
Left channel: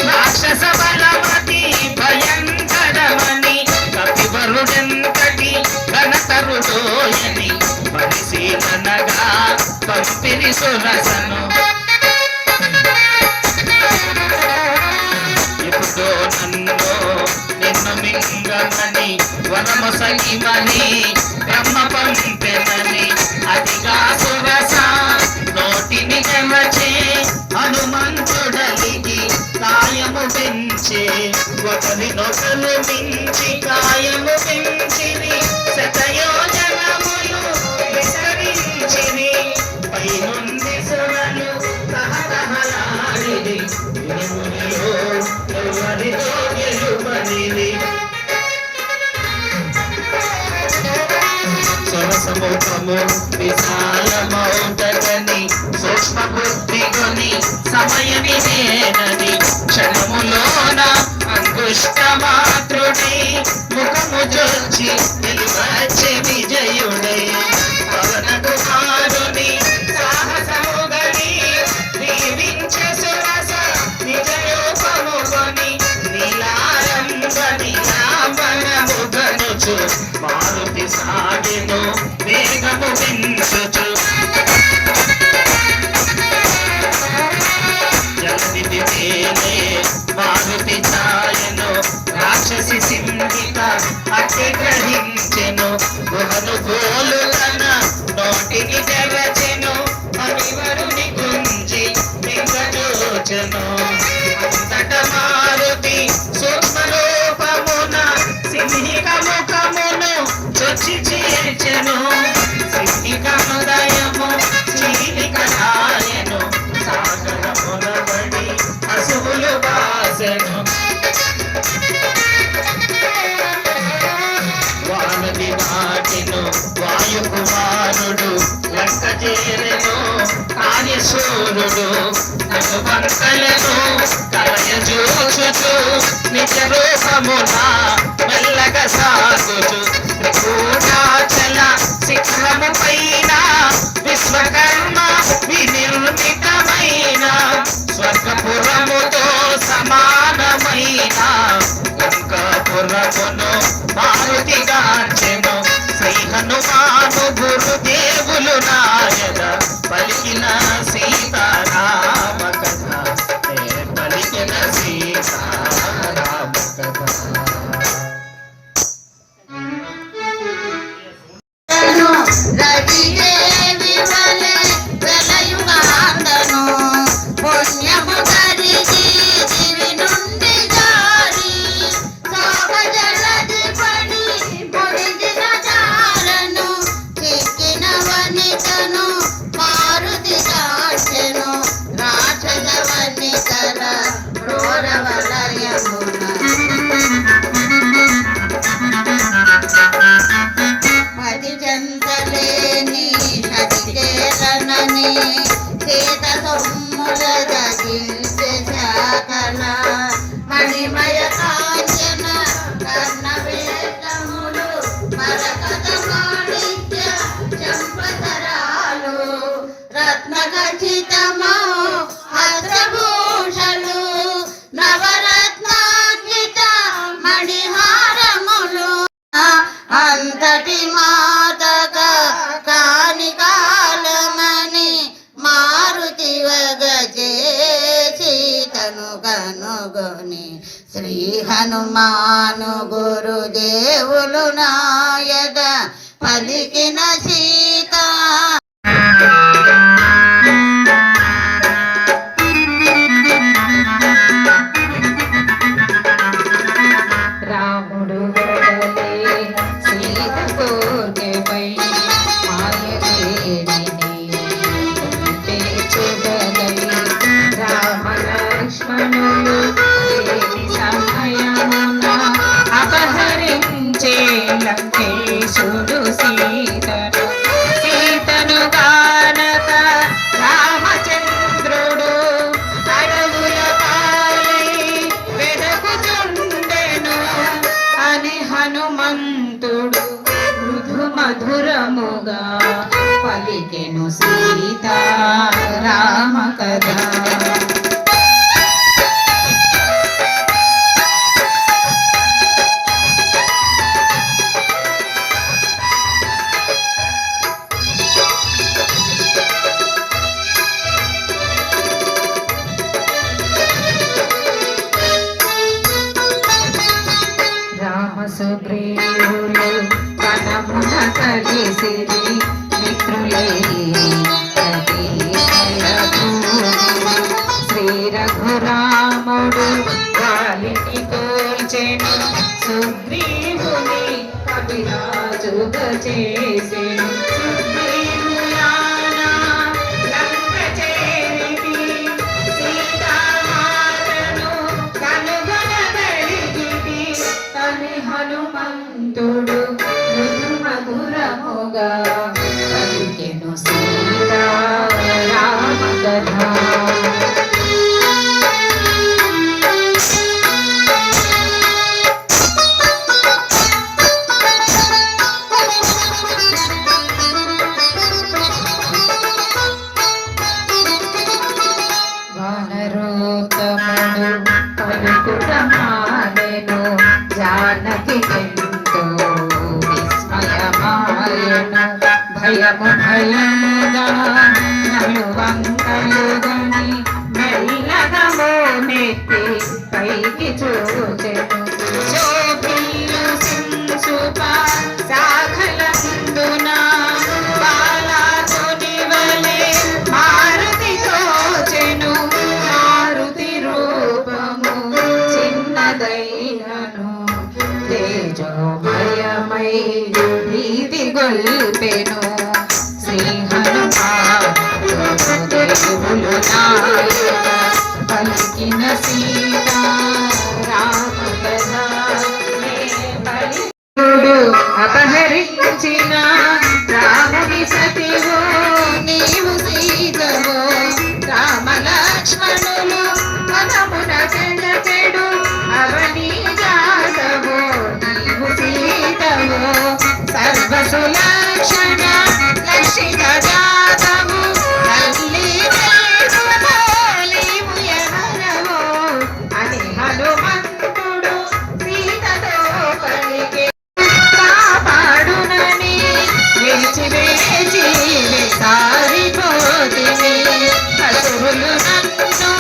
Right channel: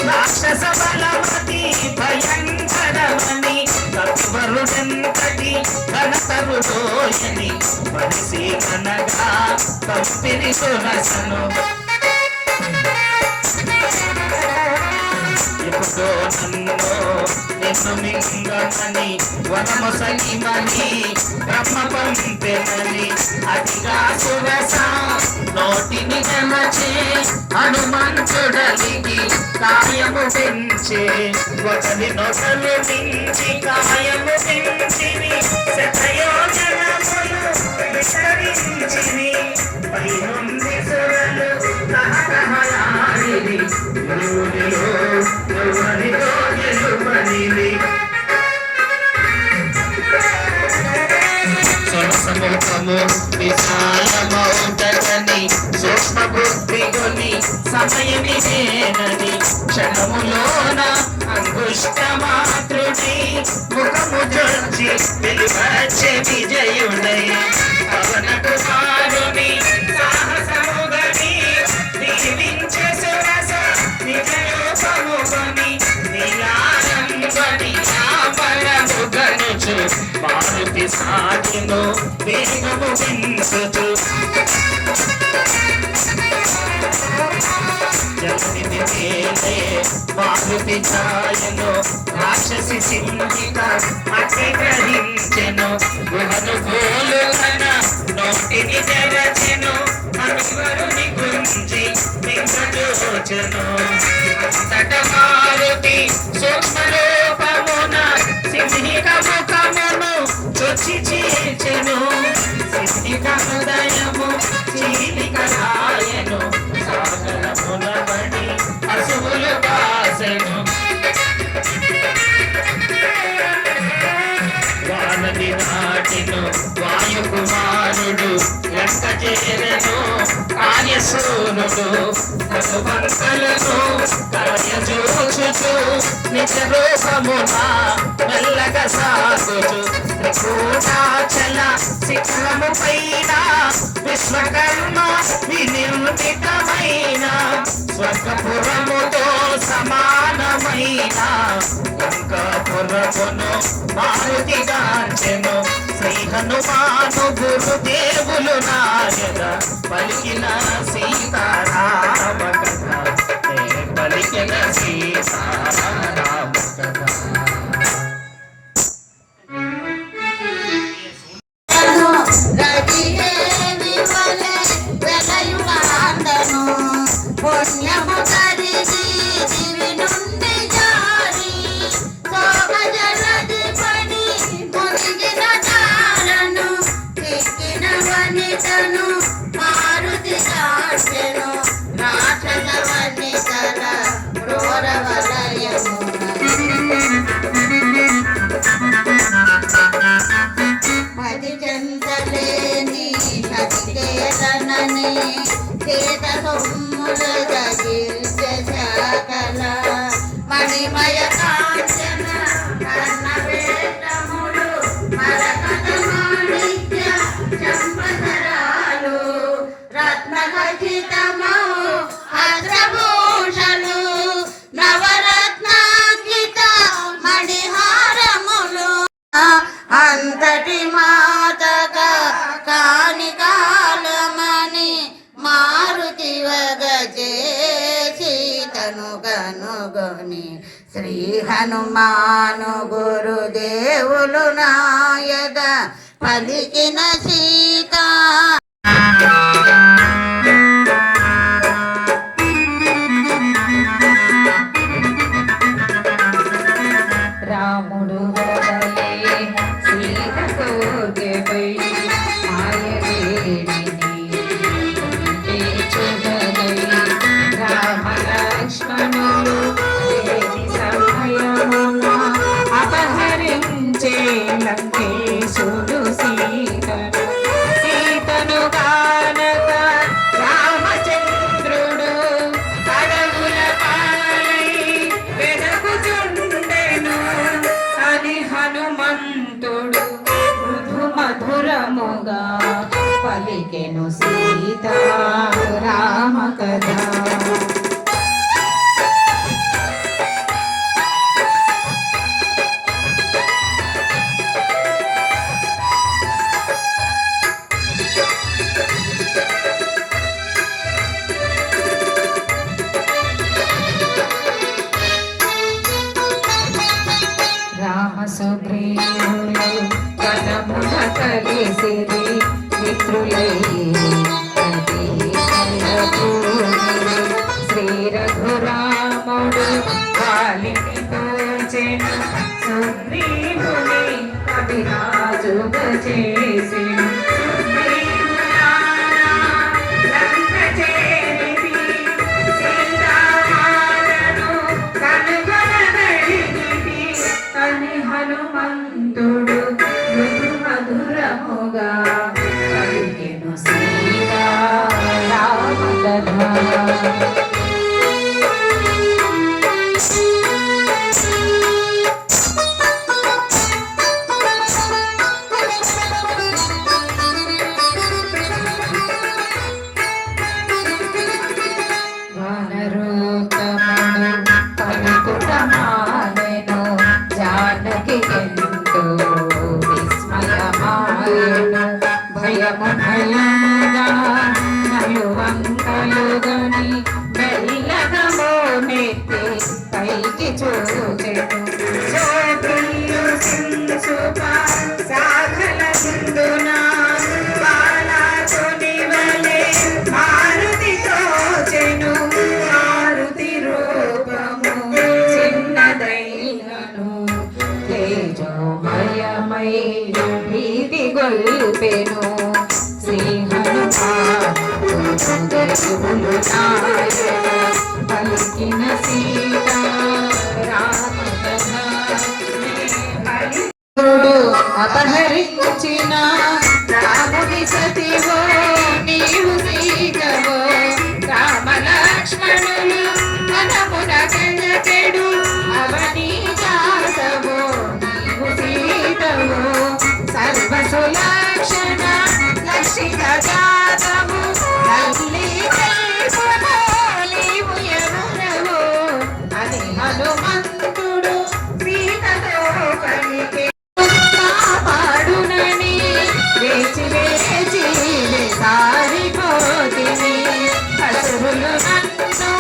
రాక్షస బలవతి భయంకరమని కపివరుడంతటి ఘనతరుడోయని పరిశీలనగా పంపిరి సురసను ఎప్పుడో నన్ను నిన్ను మింగమని వనము సగిమని బ్రహ్మ పంపెనని అతిగా సురస నోటిని గమచే హనుమంతుడలిగి కాయము పెంచే ఒకరినొకరు మించి కాయము పెంచిని శతయోజనములు విస్తరించిని పైనుండి సురలు తహతహలాడిరి ఎవరిలో గెలుపనిది సరసముఖము విశాలమౌటగని సూక్ష్మ బుద్ధిగుని సమయని నేనని క్షణములోన అంగుష్ట మాతృడి ముఖము జొచ్చి వెలువచ్చే విజయుడై పవన కుమారుని సాహసముగని దీవించే సురస నిజరూపముగని నీలారంగని నామరముగనుచు మారుతి సాగిను వేగము పెంచుచు జలనిధి మేలే మారుతి ఛాయను రాక్షసి సింధిత అతి గ్రహించెను గుహను గోలులన నోటిని తెరచెను అనివరుని గుంజి మింగజోచెను అంతట మారుతి సూక్ష్మరూపమున సింహిక ముఖమును చొచ్చి చేర్చెను సింహిక హృదయము చీలికరాయను సాగరమున బడి అసువులు వాసెను వానది నాటిను వాయుకుమారుడు లంక చేరెను కార్యశూరుడు కనుబంకలను కలయజూచుచు నిజ రూపమున మెల్లగా సాగుచు త్రికూటాచల శిఖరము పైన విశ్వకర్మ వినిర్మితమైన స్వర్గపురముతో సమానమైన లంకాపురమును మారుతి గాంచెను శ్రీ హనుమాను గురుదేవులు నాయన పలికిన సీతారామ కథ పలికిన సీతారామ కథ రవిదేవి వలె వెలయుగాంతను పుణ్యము కరిగి దివి నుండి జారి శోభజలది పడి పొదిగిన దారను చిక్కిన వనితను మారుతి కాచెను రాక్షస వనితల క్రూర వలయమున మది చెంతలేని సతికేతనని చేత సొమ్ముల గగిల్చె శాకల మణిమయ కాంచన కర్ణవేషములు మరకత మాణిక్య చంపతరాలు రత్నఖచితమౌ హస్రభూషలు నవరత్నాంకిత మణిహారములు అంతటి మాతగా కాని కాలమని మారు హనుమాను గురుదేవులు నాయద పలికిన సీత రాముడు గడలే సీత కోటపై మాయలేడిని ఉంటే చెదలై రామ లక్ష్మణులు లేని సమయమున అపహరించే లంకేశుడు సీతను కానక రామచంద్రుడు అడవుల పాలై వెదకుచుండెను అని హనుమంతుడు మృదు మధురముగా పలికెను సీతా రామ కథ. సుగ్రీవులు వనమున కలిసిరి మిత్రులై శ్రీ రఘురాముడు వాలిని కోల్చెను సుగ్రీవుని కవిరాజుగ చేసెను. సుగ్రీవులారా లంక చేరితి సీతామాతను కనుగొనగలిగితి అని హనుమంతుడు మృదు మధురముగా పలికెను సీతా రామ కథ. వానరోత్తముడు పలుకుటమాడెను జానకి ఎంతో విస్మయమాయెను. భయము భయముగా నలువంకలుగని మెల్లగా నెత్తి పైకి చూచెను. శోభిల్లు సింసుప సాగల ముందున బాలాసుని వలె మారుతి తోచెను. మారుతి రూపము చిన్నదైనను తేజోమయమై భీతి గొల్పెను. శ్రీ హనుమానుదేవులు నాయక పలికిన సీతా రామ కథ. అపహరించిన రాముడి సతివో నీవు సీతవో రామ లక్ష్మణులు మనమున చెడు అవని జాతవో నీవు సీతవో సర్వసులక్షణ లక్షిత జాతవు తల్లి నీవు ఎవరవో అని హనుమంతుడు సీతతో పలికే. కాపాడునని వేచి వేచి సారిపోతిని పశువులు నన్ను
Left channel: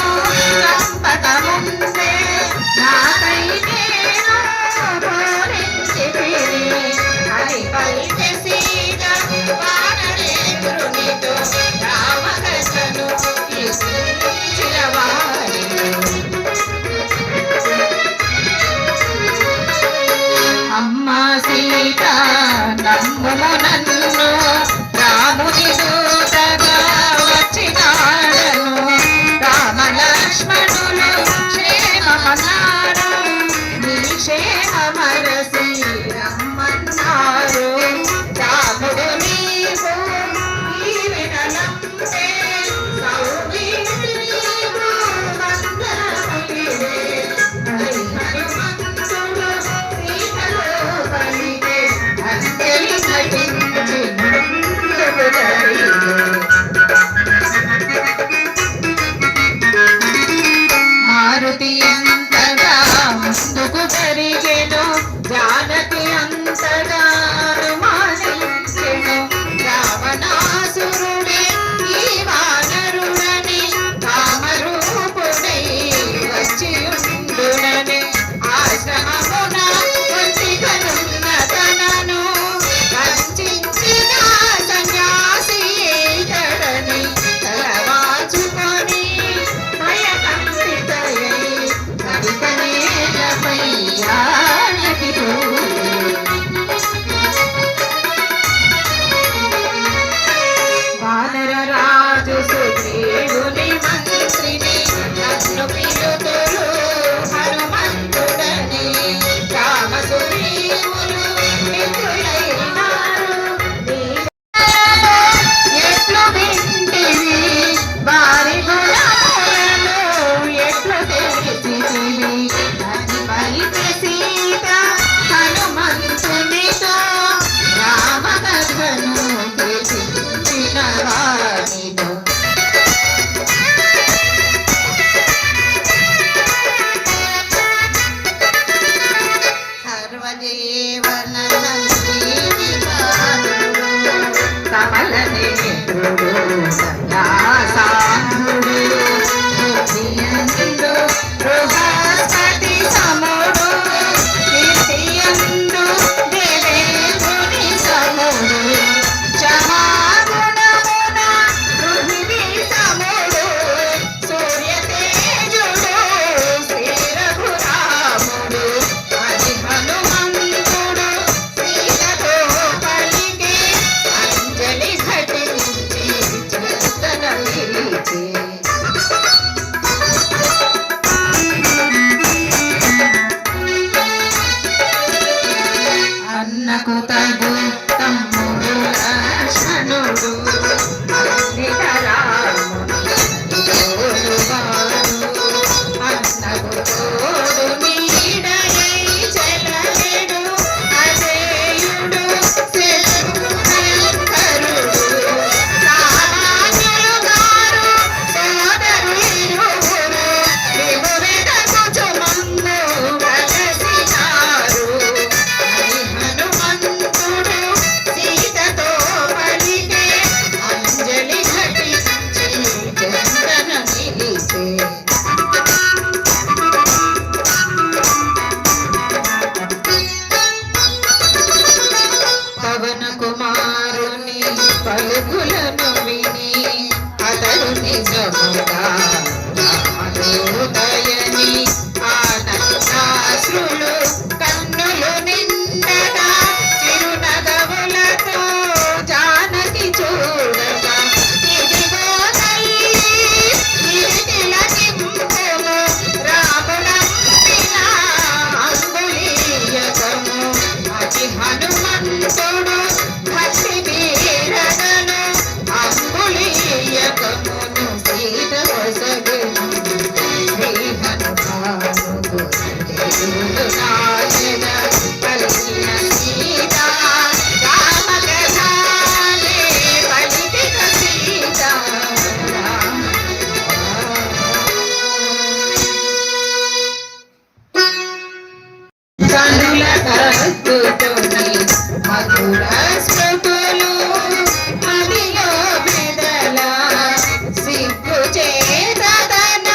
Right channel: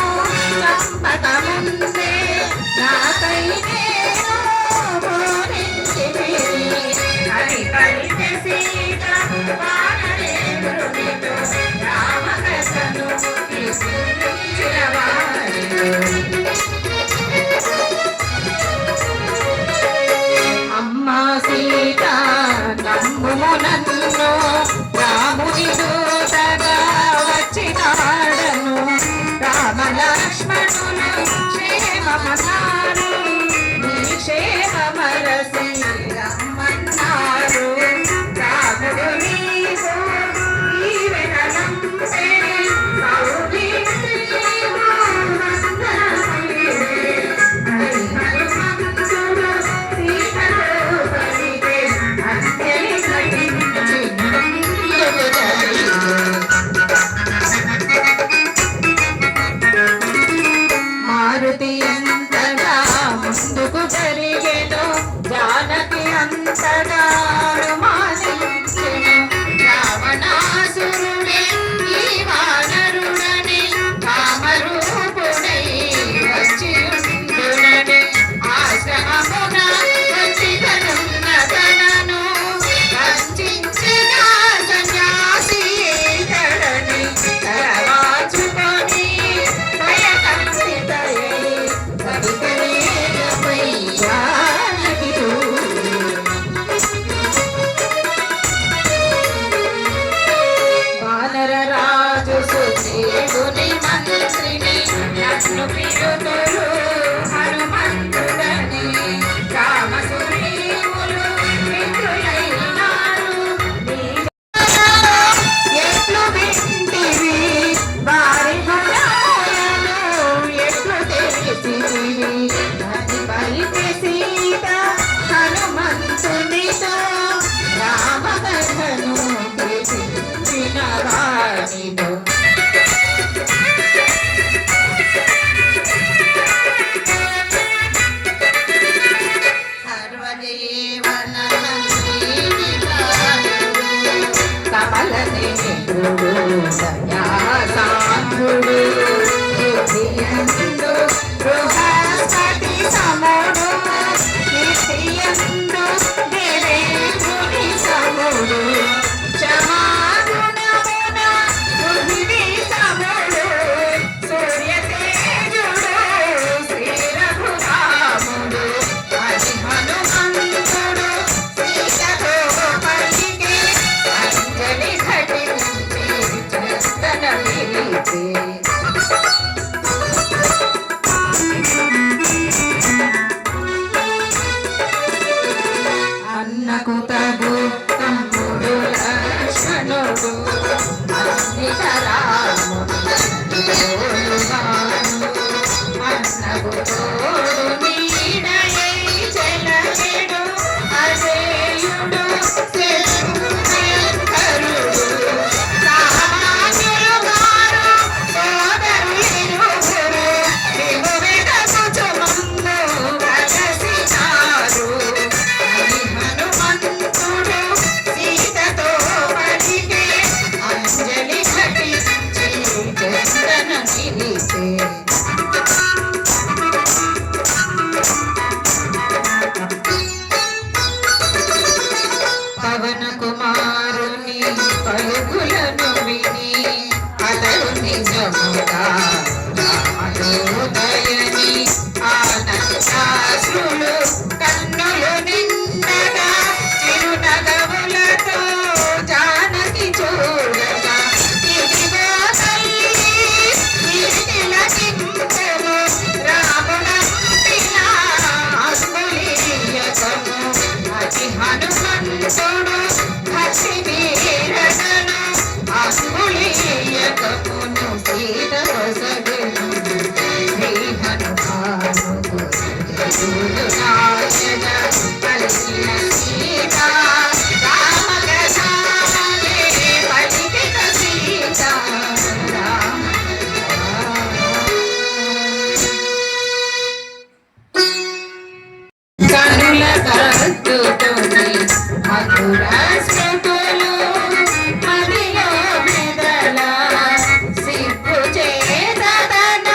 రాజు సుగ్రీవుని మంత్రిని నన్ను పిలుతులు హనుమంతుడని రామ సుగ్రీవులు మిత్రులైనారు. ఎట్లు వింటివి వారి గుణములను ఎట్లు తెలిసితివి అని పలికి సీత హనుమంతునితో రామకథను తెలిసిన వారితో. కమలనేత్రుడు సన్యాసాంధుడు బుద్ధియందు బృహస్పతి సముడు కీర్తియందు దేవేంద్రుని సముడు క్షమాగుణమున పృథివీ సముడు సూర్యతేజుడు శ్రీ రఘురాముడు అది హనుమంతుడు సీతతో పలికే అంజలి ఘటించి చందన నిలిచి. అన్నకు తగు తమ్ముడు లక్ష్మణుడు అన్నకు తోడు నీడై చెలగెడు అజేయుడు శంకరుడు సామాన్యులు గారు సోదరులిరువురు దిగువెటకుచుమందు కలసినారు అని హనుమంతుడు సీతతో పలికే అంజలి ఘటించి చందన నిలిచే. పవన కుమారుని పలుకులను విని అతడు నిజముగా రామయోదయని ఆనందాశ్రులు కన్నులు నిండగా తిరునగములతో జానకి చూడగా ఇదిగో తల్లి తిలకించెను రాముడంపిన అంగుళీయకము అతి హనుమంతుడు భక్తి వీరడను అంగుళీయకమును సీత వసగు శ్రీ హనుమానుడు నాయన కలిసిన సీత రామకథానే పలికిన సీత కనుల కత్తుతోని మధుర స్మృతులు మదిలో మెదల సిగ్గు చేతన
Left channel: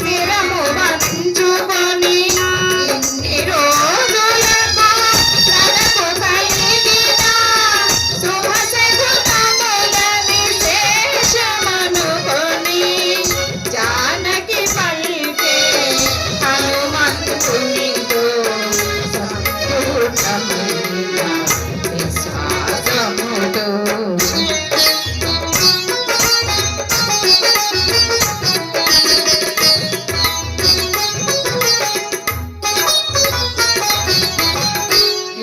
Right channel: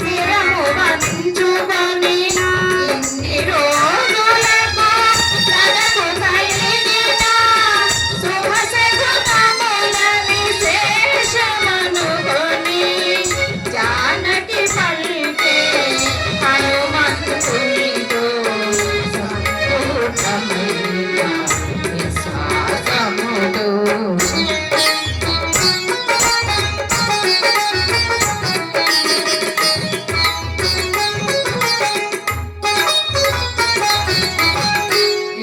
శిరము వంచుకొని ఇన్ని రోజులకు తనకు కలిగిన శుభ శకునములని శేషమనుకొని జానకి పలికే హనుమంతునితో సంపూర్ణమైన విశ్వాసముతో.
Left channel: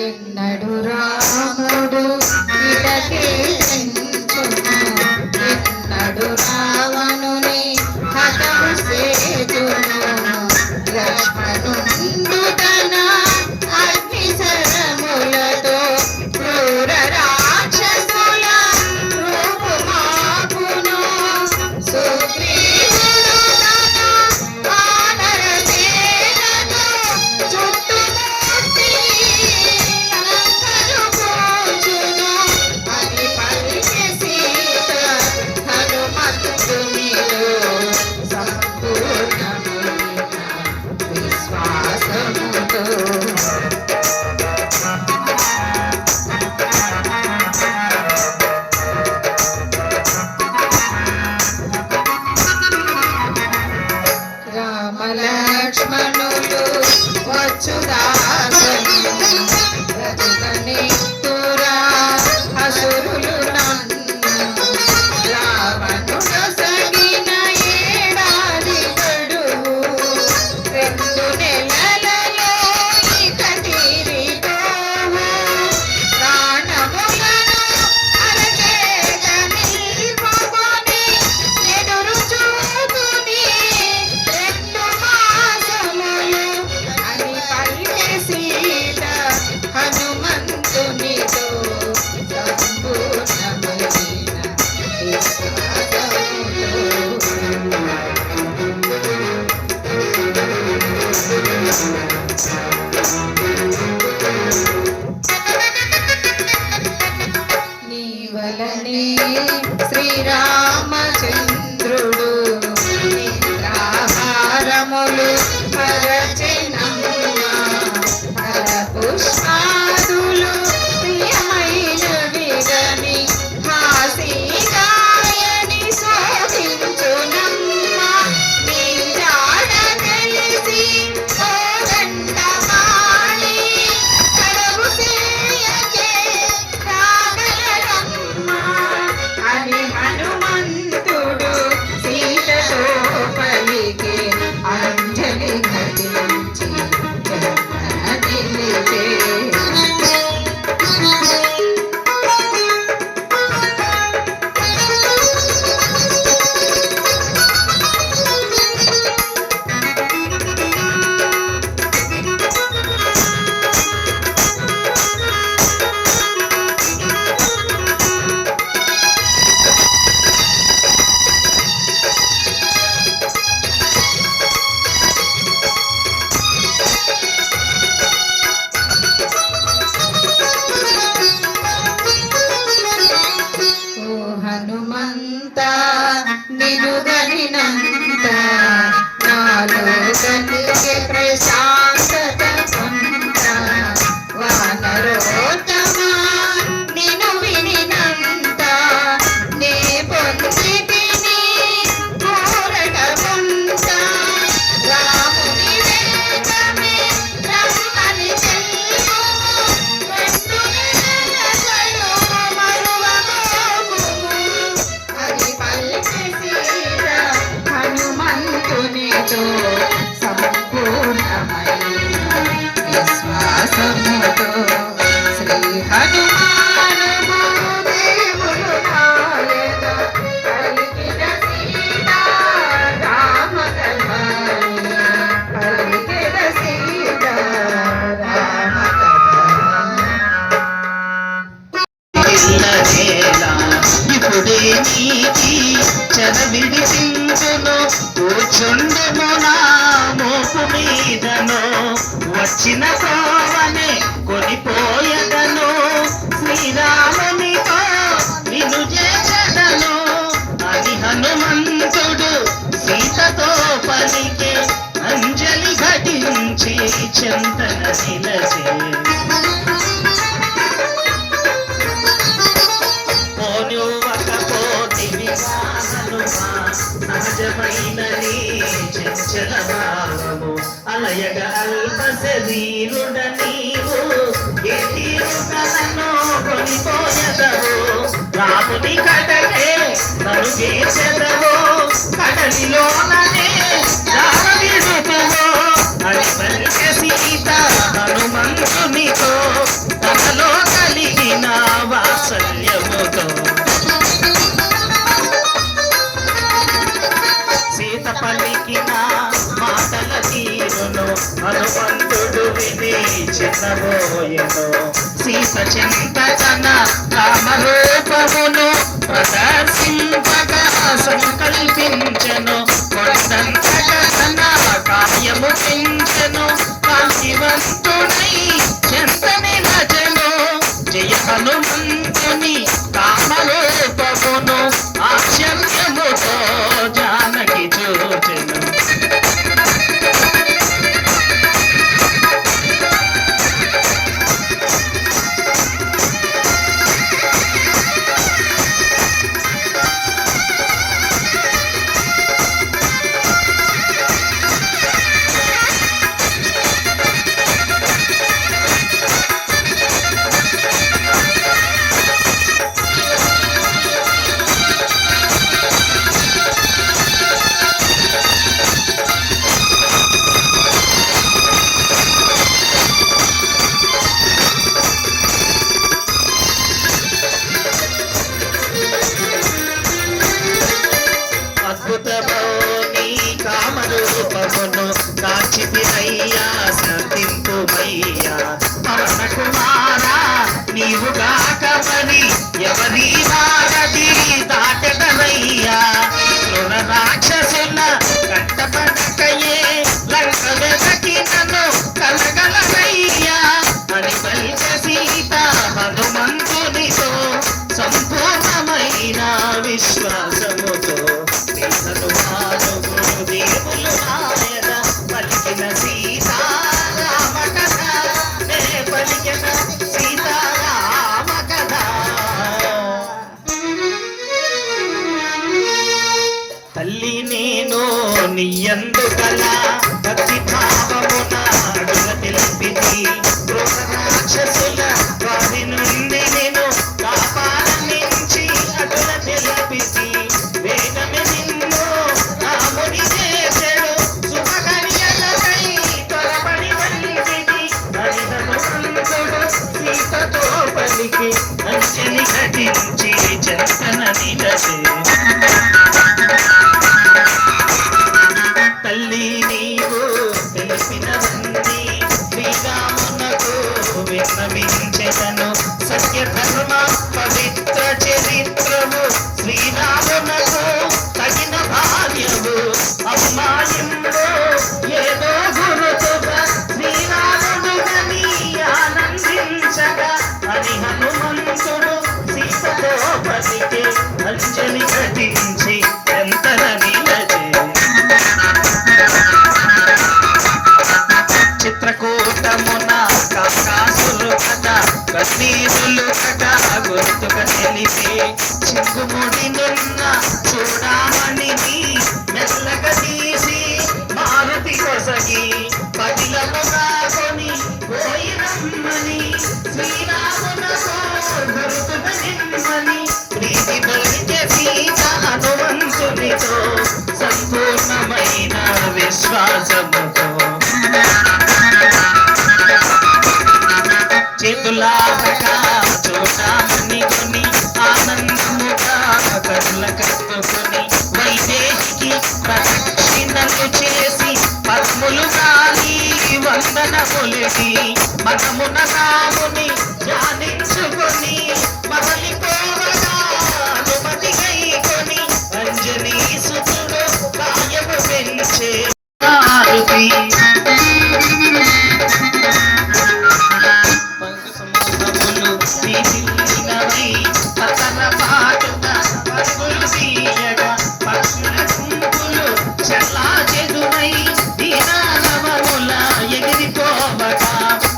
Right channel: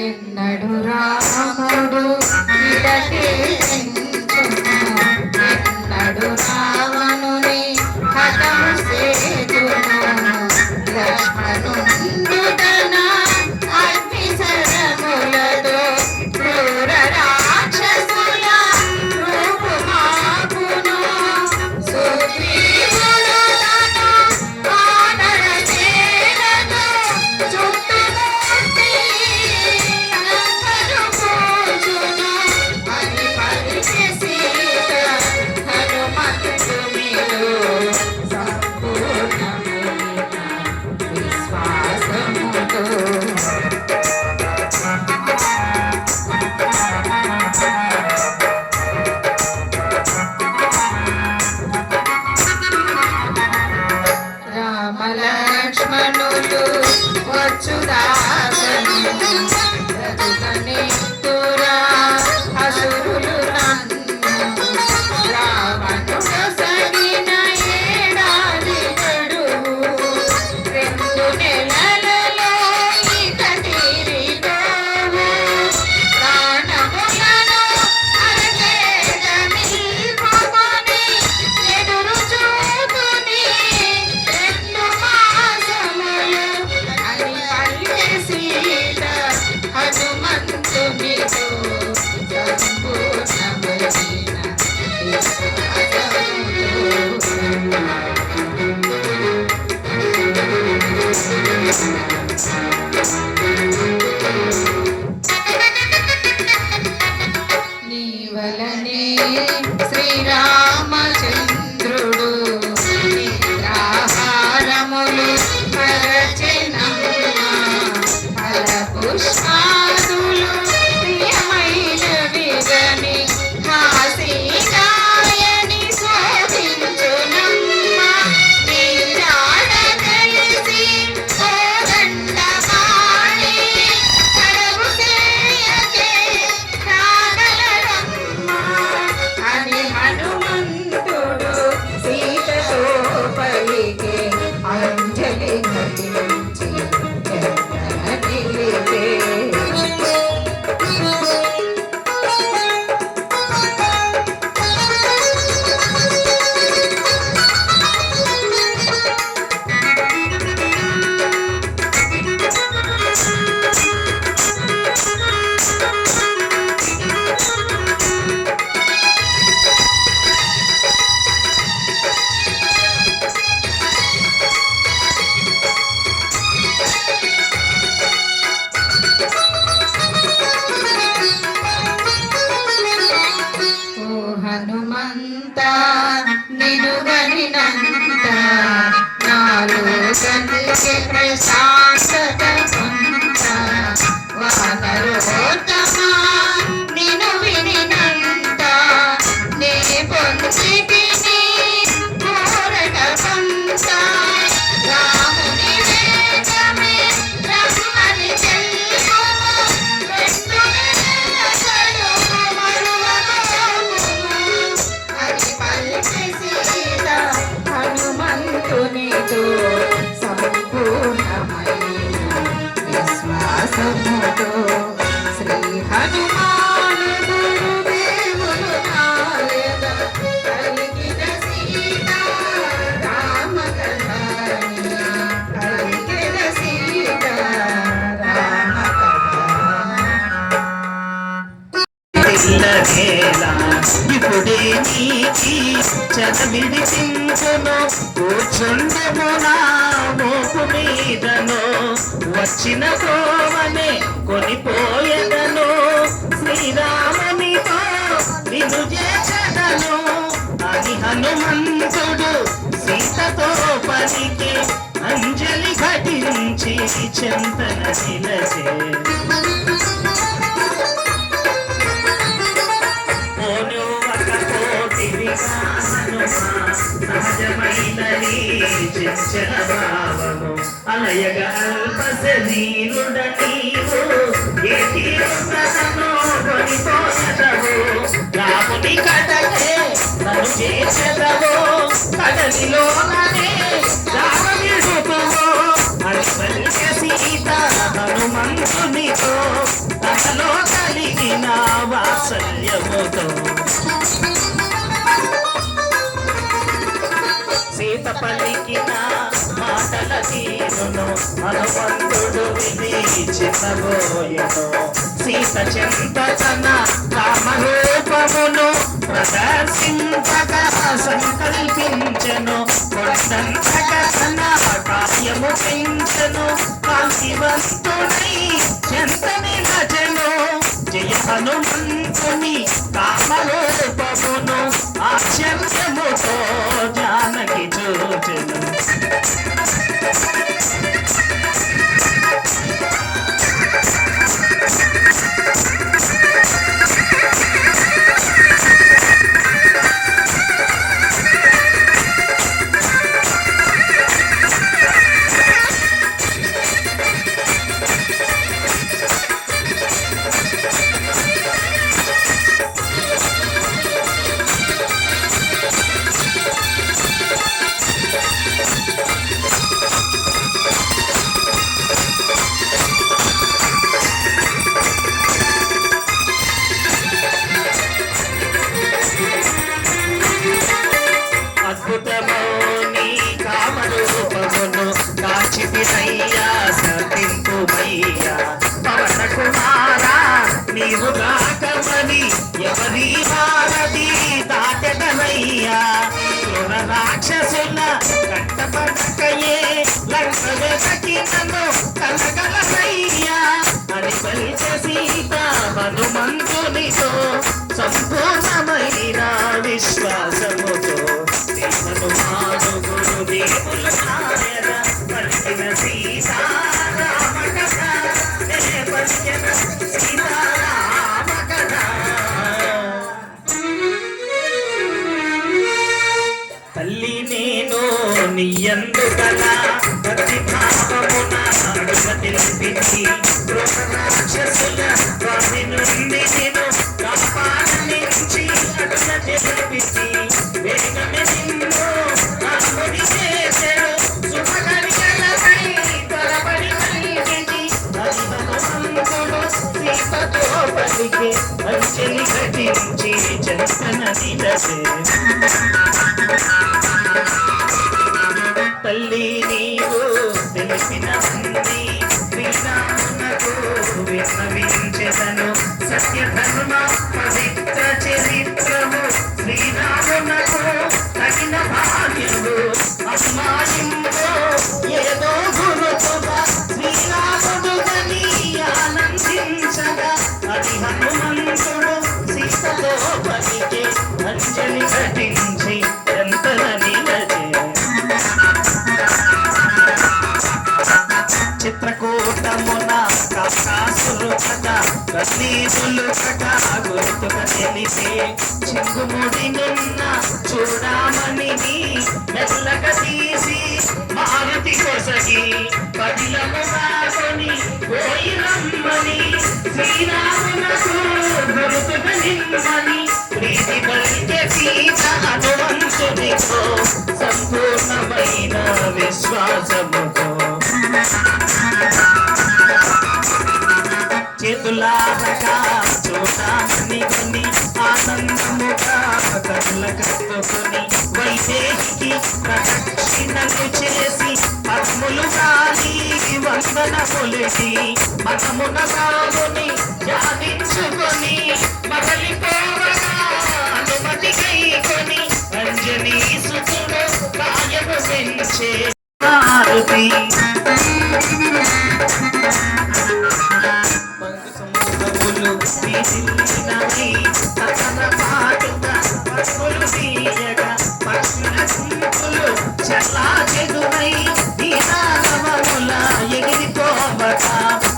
ఎన్నడు రాముడు ఇలకి ఎన్నడు రావణుని హతము సేతును లక్ష్మణుడు తన అగ్నిశరములతో క్రూర రాక్షసుల రూపుమాపును సుగ్రీవుడు తన వానర సేనతో చుట్టుముట్టి అందరు పోచును అని పలికే సీత హనుమంతునిలో సంపూర్ణమైన విశ్వాసముతో. రామ లక్ష్మణులు వచ్చుదాసను బ్రతుకనిత్తురా అసురులు నన్ను రావణుడు నీవలనే శ్రీరామచంద్రుడు నిద్రాహారములు పరచెనమ్మ ఫల పుష్పాదులు ప్రియమైన విగని కాశీనాయని శోభించునమ్మ నీరాడ కలిసి కోదండపాణి కడవు చేయకే రాగలరమ్మ అని హనుమంతుడు సీతతో పలికే అంజలి ఘటించి నిలిపే ఓ హనుమంత నిలుగనినంత నాలో కలిగే ప్రశాంతత పొంద వానరోత్తమా నిను వినినంత నే పొందితిని కోరట కొంత రాముని వేగమే రమ్మని చెల్లుము రెండు నెలలు అది పలికి సీత హనుమంతునితో సంపూర్ణమైన విశ్వాసముతో శ్రీ హనుమాను గురుదేవులు నాయన పలికిన సీత రామ కథ పలికిన సీత రామ పిల్లవేలా ఇప్పుడే నీకి చదవిడిపించును కూర్చుండెము నా మోపు మీదను వచ్చిన కోవనే కొనిపోయదను శ్రీరామునితో నిన్ను చేసదను అని హనుమంతుడు సీతతో పలికే అంజలి ఘటించి చెంతన నిలచే సహజమైనది చంచల భావము అలయగ అల్ప శరీరుడ నీవు ఏ తీరును కొనిపోయదవు రాముని కడలే తను చేసెదవు కడలిలోననే రామనిరుతువు అని పలిక సీత హనుమంతునితో తనలో కలిగిన వాత్సల్యముతో సీత పలికిన మాటల తీరును హనుమంతుడు విని చిన్నబోయెను సీత చింతన రామరూపమును ప్రదర్శింపగా సంకల్పించెను కొండంతగా తన కార్యము పెంచెను కాశీవంతుడై చెంతని నజను జయ హనుమంతుని కామరూపమును ఆశ్చర్యముతో జానకి చూచెను అద్భుతమోని కామరూపమును దాచితినయ్యా సతింతుమయ్యా పవన కుమారా నీవు కాకమని ఎవరి వారది దాటదనయ్యా తల్లి నేను నీయందు గల భక్తి భావమున అడుగ తెలిపింది రాక్షసుల వారి నుండి నేను కాపాడించి అడుగ తెలిపింది వేగమే నిన్ను రాముడి చేసెడు శుభకర్యలకై త్వరపడి కలిగింది హరిహనుమంతుడు సీతతో పలికి అంజలి ఘటించి చెంతన నిలచే తల్లి నీవు తెలిపినవన్నీ శ్రీరామునకు విన్నవించెదను సత్య ధర్మ పవిత్ర చరిత్రము శ్రీరామునకు తగిన భార్యము అమ్మాయిందో ఏదో గురుతుగా శ్రీరాముడు గని ఆనందించగా అది హనుమంతుడు సీతతో పలికే అంజలి ఘటించి ఎంతన నిలచే చిత్రకూటమున కాకాసులు కథ కన్నీరులు కథ గుర్తుక తెలిపే చిందుముడి నిన్న చూడమని మెల్లగా తీసి మారుతి కొసగి పదిలముగా కొని పోయి రమ్మని శ్రీరామునకు గుర్తుక నిమ్మని ప్రీతి పలికే సీత హనుమంతునితో సంపూర్ణమైన విశ్వాసముతో చేతులాగా చూడమని కొని ఆనందముగా కళ్ళ కట్టుకొని వైదేహికి ప్రదక్షిణలు చేసి పద్ములు కాలి వందన కొలిసి మనమున కాముని ధ్యానించుకొని మరలిపోవగా అనుమతి కైకొని అంజనీ సుతుడు కాయము పెంచే మారుతి ఎగిరిపోవట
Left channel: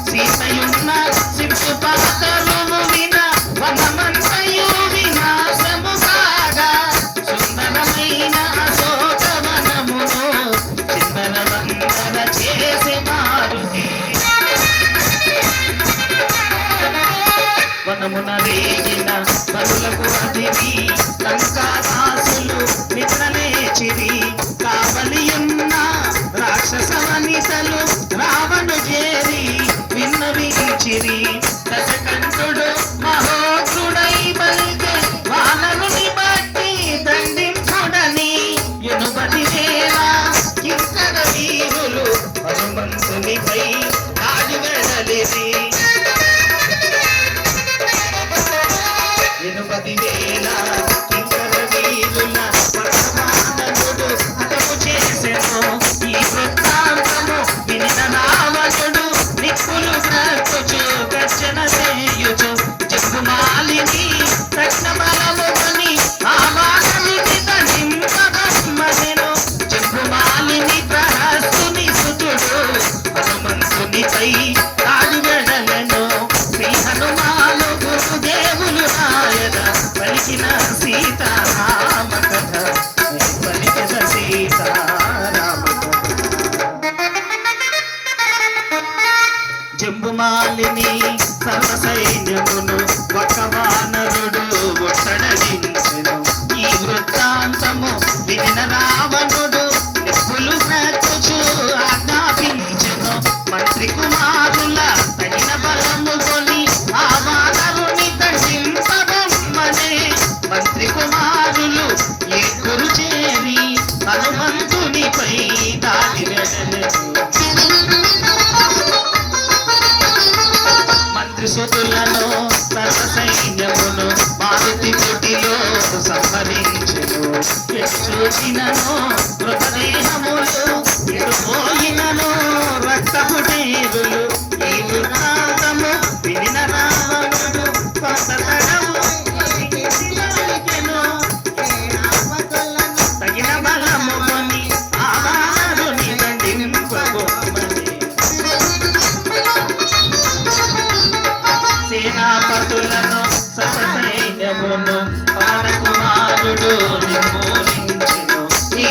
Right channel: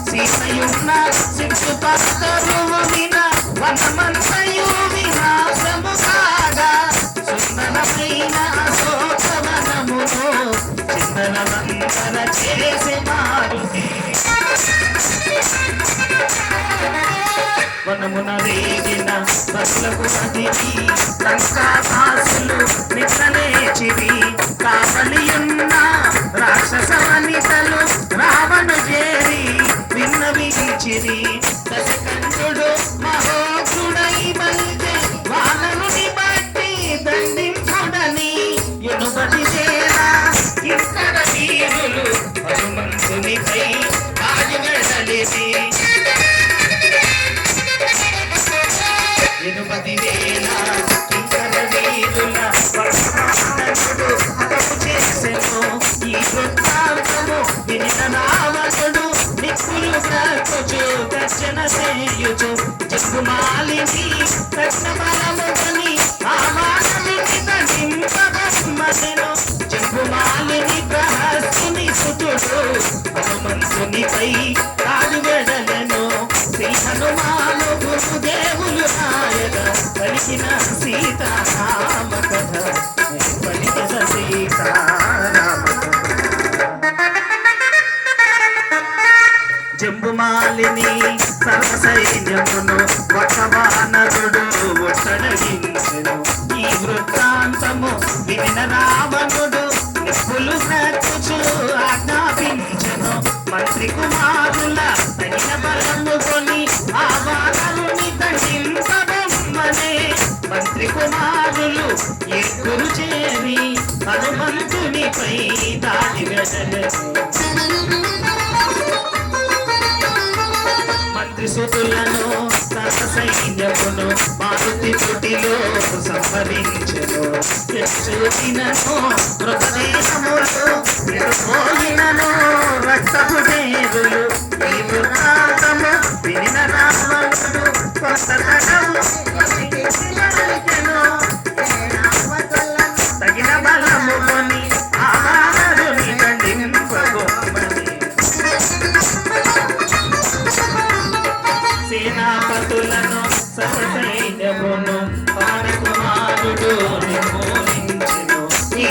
సీతయున్న సిప్పు పాతరువు విన వనమంతయు వినాశము కాగా సుందరమైన అశోకవనమును చిందనవందన చేసే మారుతి వనమున రేగిన బరులకు అదివి లంకావాసులు నిద్రలేచిరి కావలియున్న రాక్షస వనితలు రావణు చేరి విన్నవించిరి దశకంఠుడు మహోగ్రుడై బల్కె వానరుని బట్టి దండించుడని ఎనుబడి చేరా ఇద్దర వీరులు హనుమంతునిపై ఆయుగడలిరి ఎనుపది వేల ఇతర వీరుల వర్తమానముడు అతడు చేసెను ఈ వృత్తాంతము వినిన రావణుడు నిప్పులు కట్టుచు గర్జన చేయుచు జగ్గుమాలిని రత్న బలముని ఆ మానవుని దండింపదమ్మనెను జగ్గుమాలిని ప్రహస్తుని సుతుడు హనుమంతునిపై కాలుగడలెను శ్రీ హనుమాను గురుదేవులు ఆయన పలికిన సీతారామ కథ పలికిన సీతారామ జంబుమాలిని సర్వసైన్యమును ఒక వానరుడు ఒట్టడగించెను ఈ వృత్తాంతము వినిన రావణుడు నిప్పులు కట్టుచు ఆజ్ఞాపించెను మంత్రి కుమారుల పైన బలము కొని ఆ వానరుని దండింపబొమ్మనే మంత్రి కుమారులు ఎక్కురు చేరి హనుమంతునిపై దాడి మంత్రిసుతులను సర్వసైన్యమును మారుతి తుటిలో సంహరించును చూచినను మృతదేహములు విడిపోయినను రక్తపుటేరులు ఈ వృత్తాంతము వినిన రావణుడు కొంతగము తగిన బలము కొని ఆ వానరుని దండింపబొమ్మని సేనాపతులను సర్వసైన్యమును పవనకుమారుడు నిర్మూలించెను ఈ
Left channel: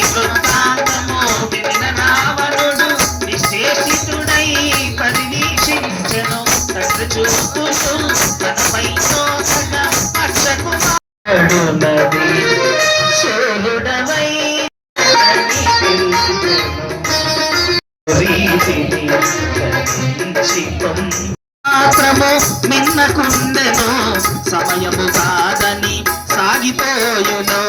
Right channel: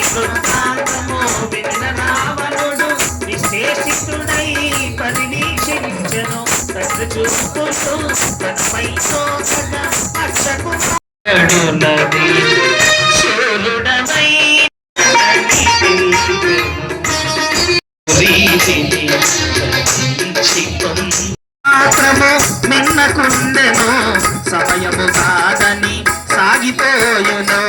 రీతిని గమనించి మాత్రము మిన్నకుండెను సమయము కాదని సాగిపోయును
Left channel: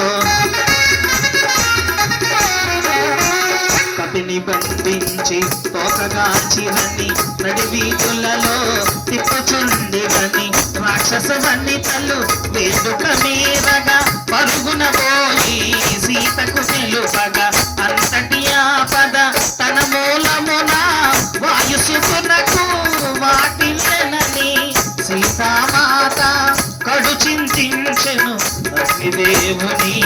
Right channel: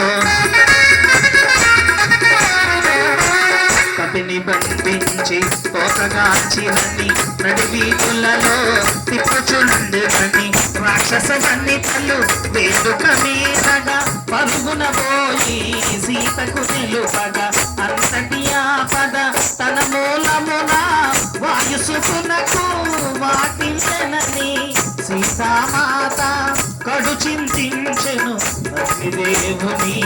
కపిని బంధించి తోకగాచినని నడివీధులలో తిప్పుచుండెనని రాక్షస గన్నితలు వేడుక మీదగా పరుగున పోయి సీతకు నిలుపగా అంతటి ఆపద తన మూలమున వాయుసుకునకు వాటిల్లని సీతామాత కడు చింతించెను అగ్నిదేవుని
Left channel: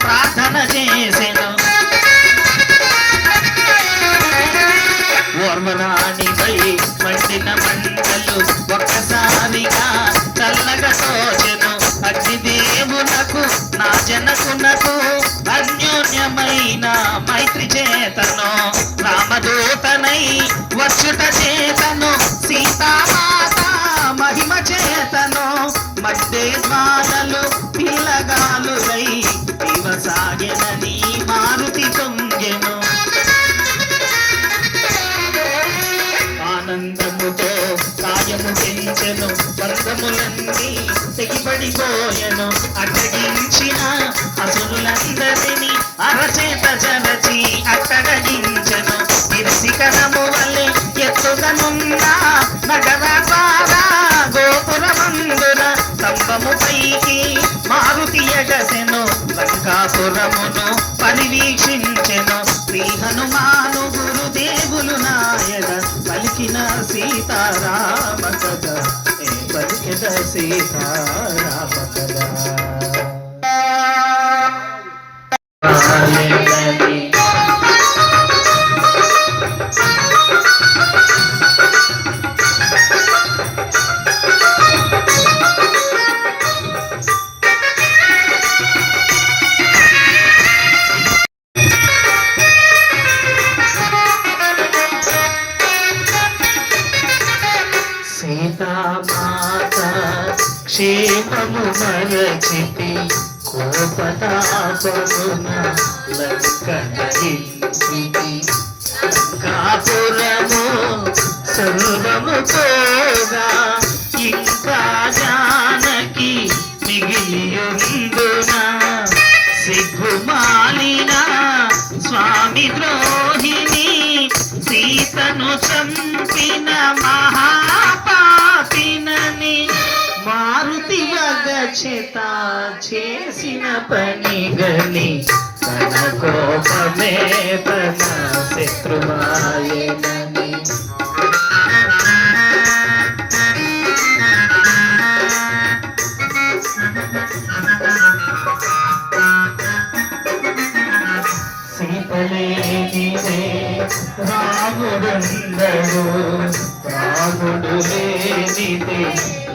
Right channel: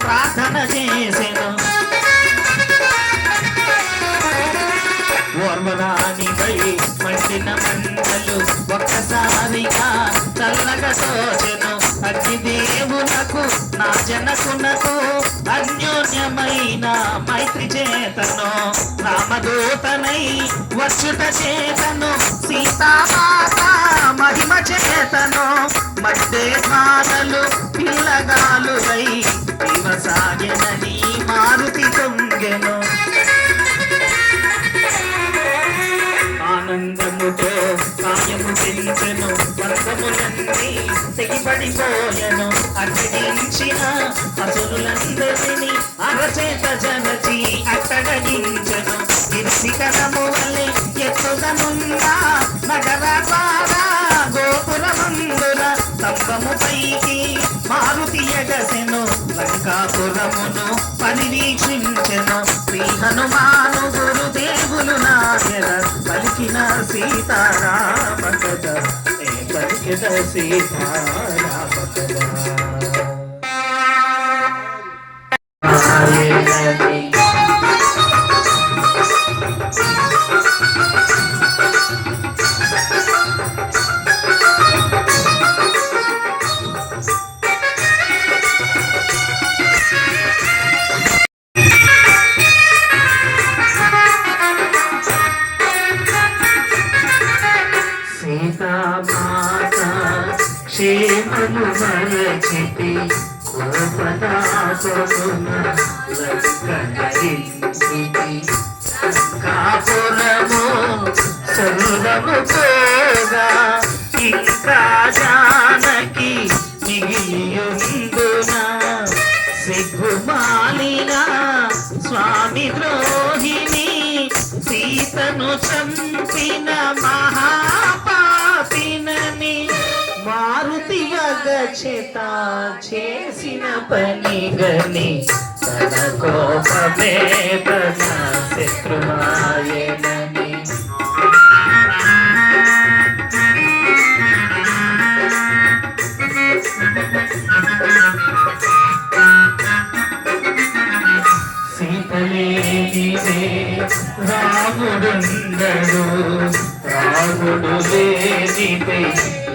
ప్రార్థన చేసెను ఓర్వరాణిపై మండిన మంటలు ఒక్కసారిగా చల్లగా తోచెను అగ్నిదేవునకు నా జనకునకు అన్యోన్యమైన మైత్రి చేతను రామదూతనై వచ్చుట చేతను సీతామాత మహిమ చేతను మడ్డే మానలు పిల్లగాలులై సాగెనని మారుతి పొంగెను ఆనందముతో కాయము పెంచెను బంధములన్నీ తెగిపడిపోయెను అడ్డగించిన అసురులందరినీ అరచేత జరచి అట్టడగించెను నిర్శిఖరము వల్లే ఎత్తుగనుందా నగర ద్వారా గోపురమందున స్తంభము పైకి మారుతి ఎగసెను లంకాపురమును పరివీక్షించెను శ్రీ హనుమాను గురుదేవులు నాయన పలికిన సీతారామ కథ పలికిన సీతారామ కథ సీతామాత క్షేమము మరచితి కోపతాపమున లంకటరించితి కాపురము సర్వము పోగా ఇంకా జానకి మిగిలియుందునా సిగ్గుమాలిన స్వామి ద్రోహిణి సీతను చంపిన మహాపాపినని మారుతి వగచేత చేసిన పని గని తన కోపమే తన శత్రువాయనని సీతలేనిదే రాముడుందడు రాముడు లేనిదే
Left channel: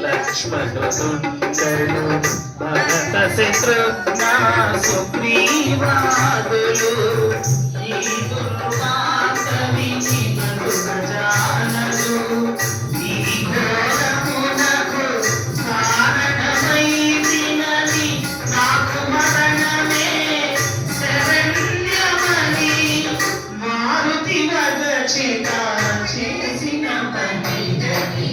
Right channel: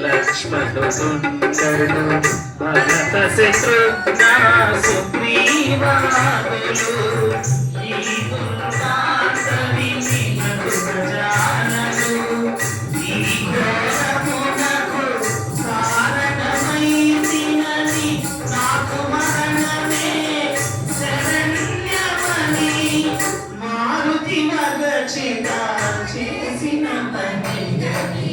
లక్ష్మణుడుందడు భరత శత్రుఘ్న సుగ్రీవాదులు ఈ దుర్వాసవిని మధురజానలు ఈ ఘోరమునకు కారణమైతినని నాకు మరణమే శరణ్యమని మారుతి వగచిత చేసిన పని గని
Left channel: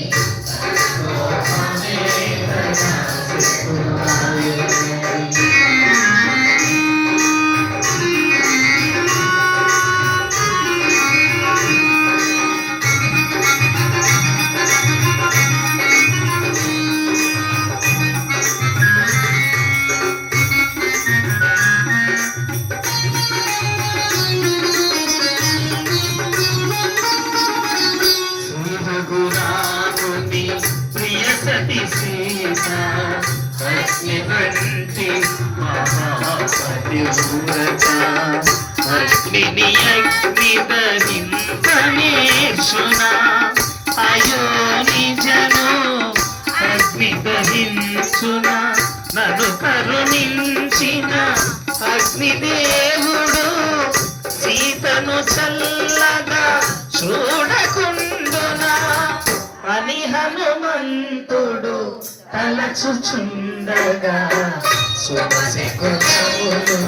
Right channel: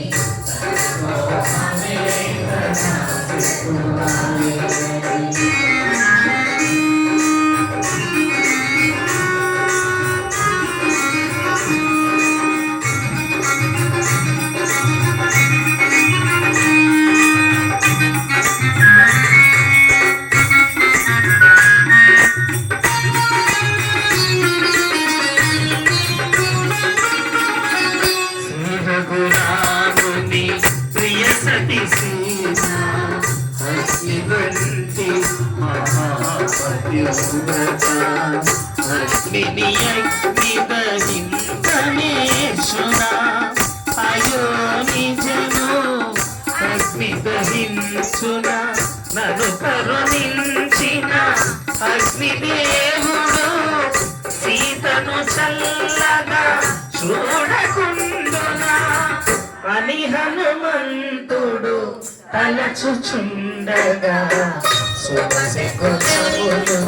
రఘురాముని ప్రియ సతి సీత అగ్నివంటి మహాపతివ్రత అగ్నిని అగ్నిదహింపనేర్చున అయో నిజను అగ్నిదహించున నన్ను కరుణించిన అగ్నిదేవుడు సీతను చల్లగా చూడకుండునా అని హనుమంతుడు తలచుచుండగా సుమసెకొనవులు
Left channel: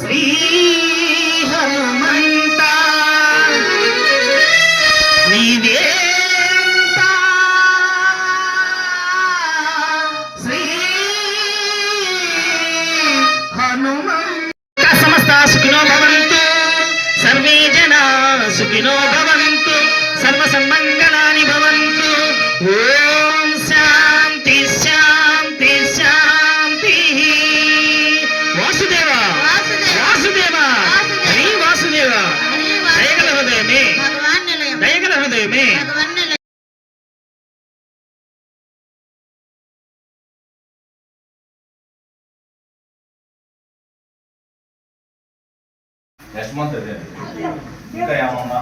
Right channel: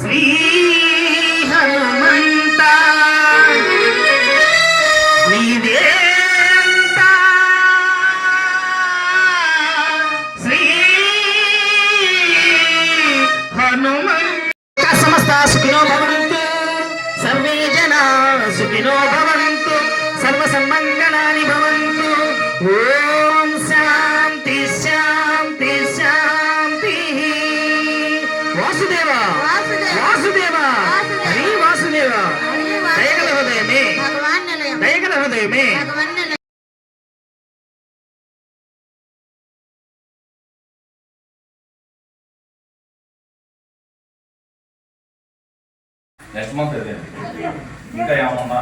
శ్రీ హనుమంత నీవేంత శ్రీ హనుమంత సమస్త సుఖినో భవంతు సర్వే జనా సుఖినో భవంతు సర్వ సన్మంగళాని భవంతు ఓం శాంతి శాంతి శాంతి వాసుదేవ వాసుదేవ హరి వాసుదేవ దయగల హృదయమే దయగల హృదయమే నెక్స్ట్ మంత్ ఇంకా ఏమమ్మా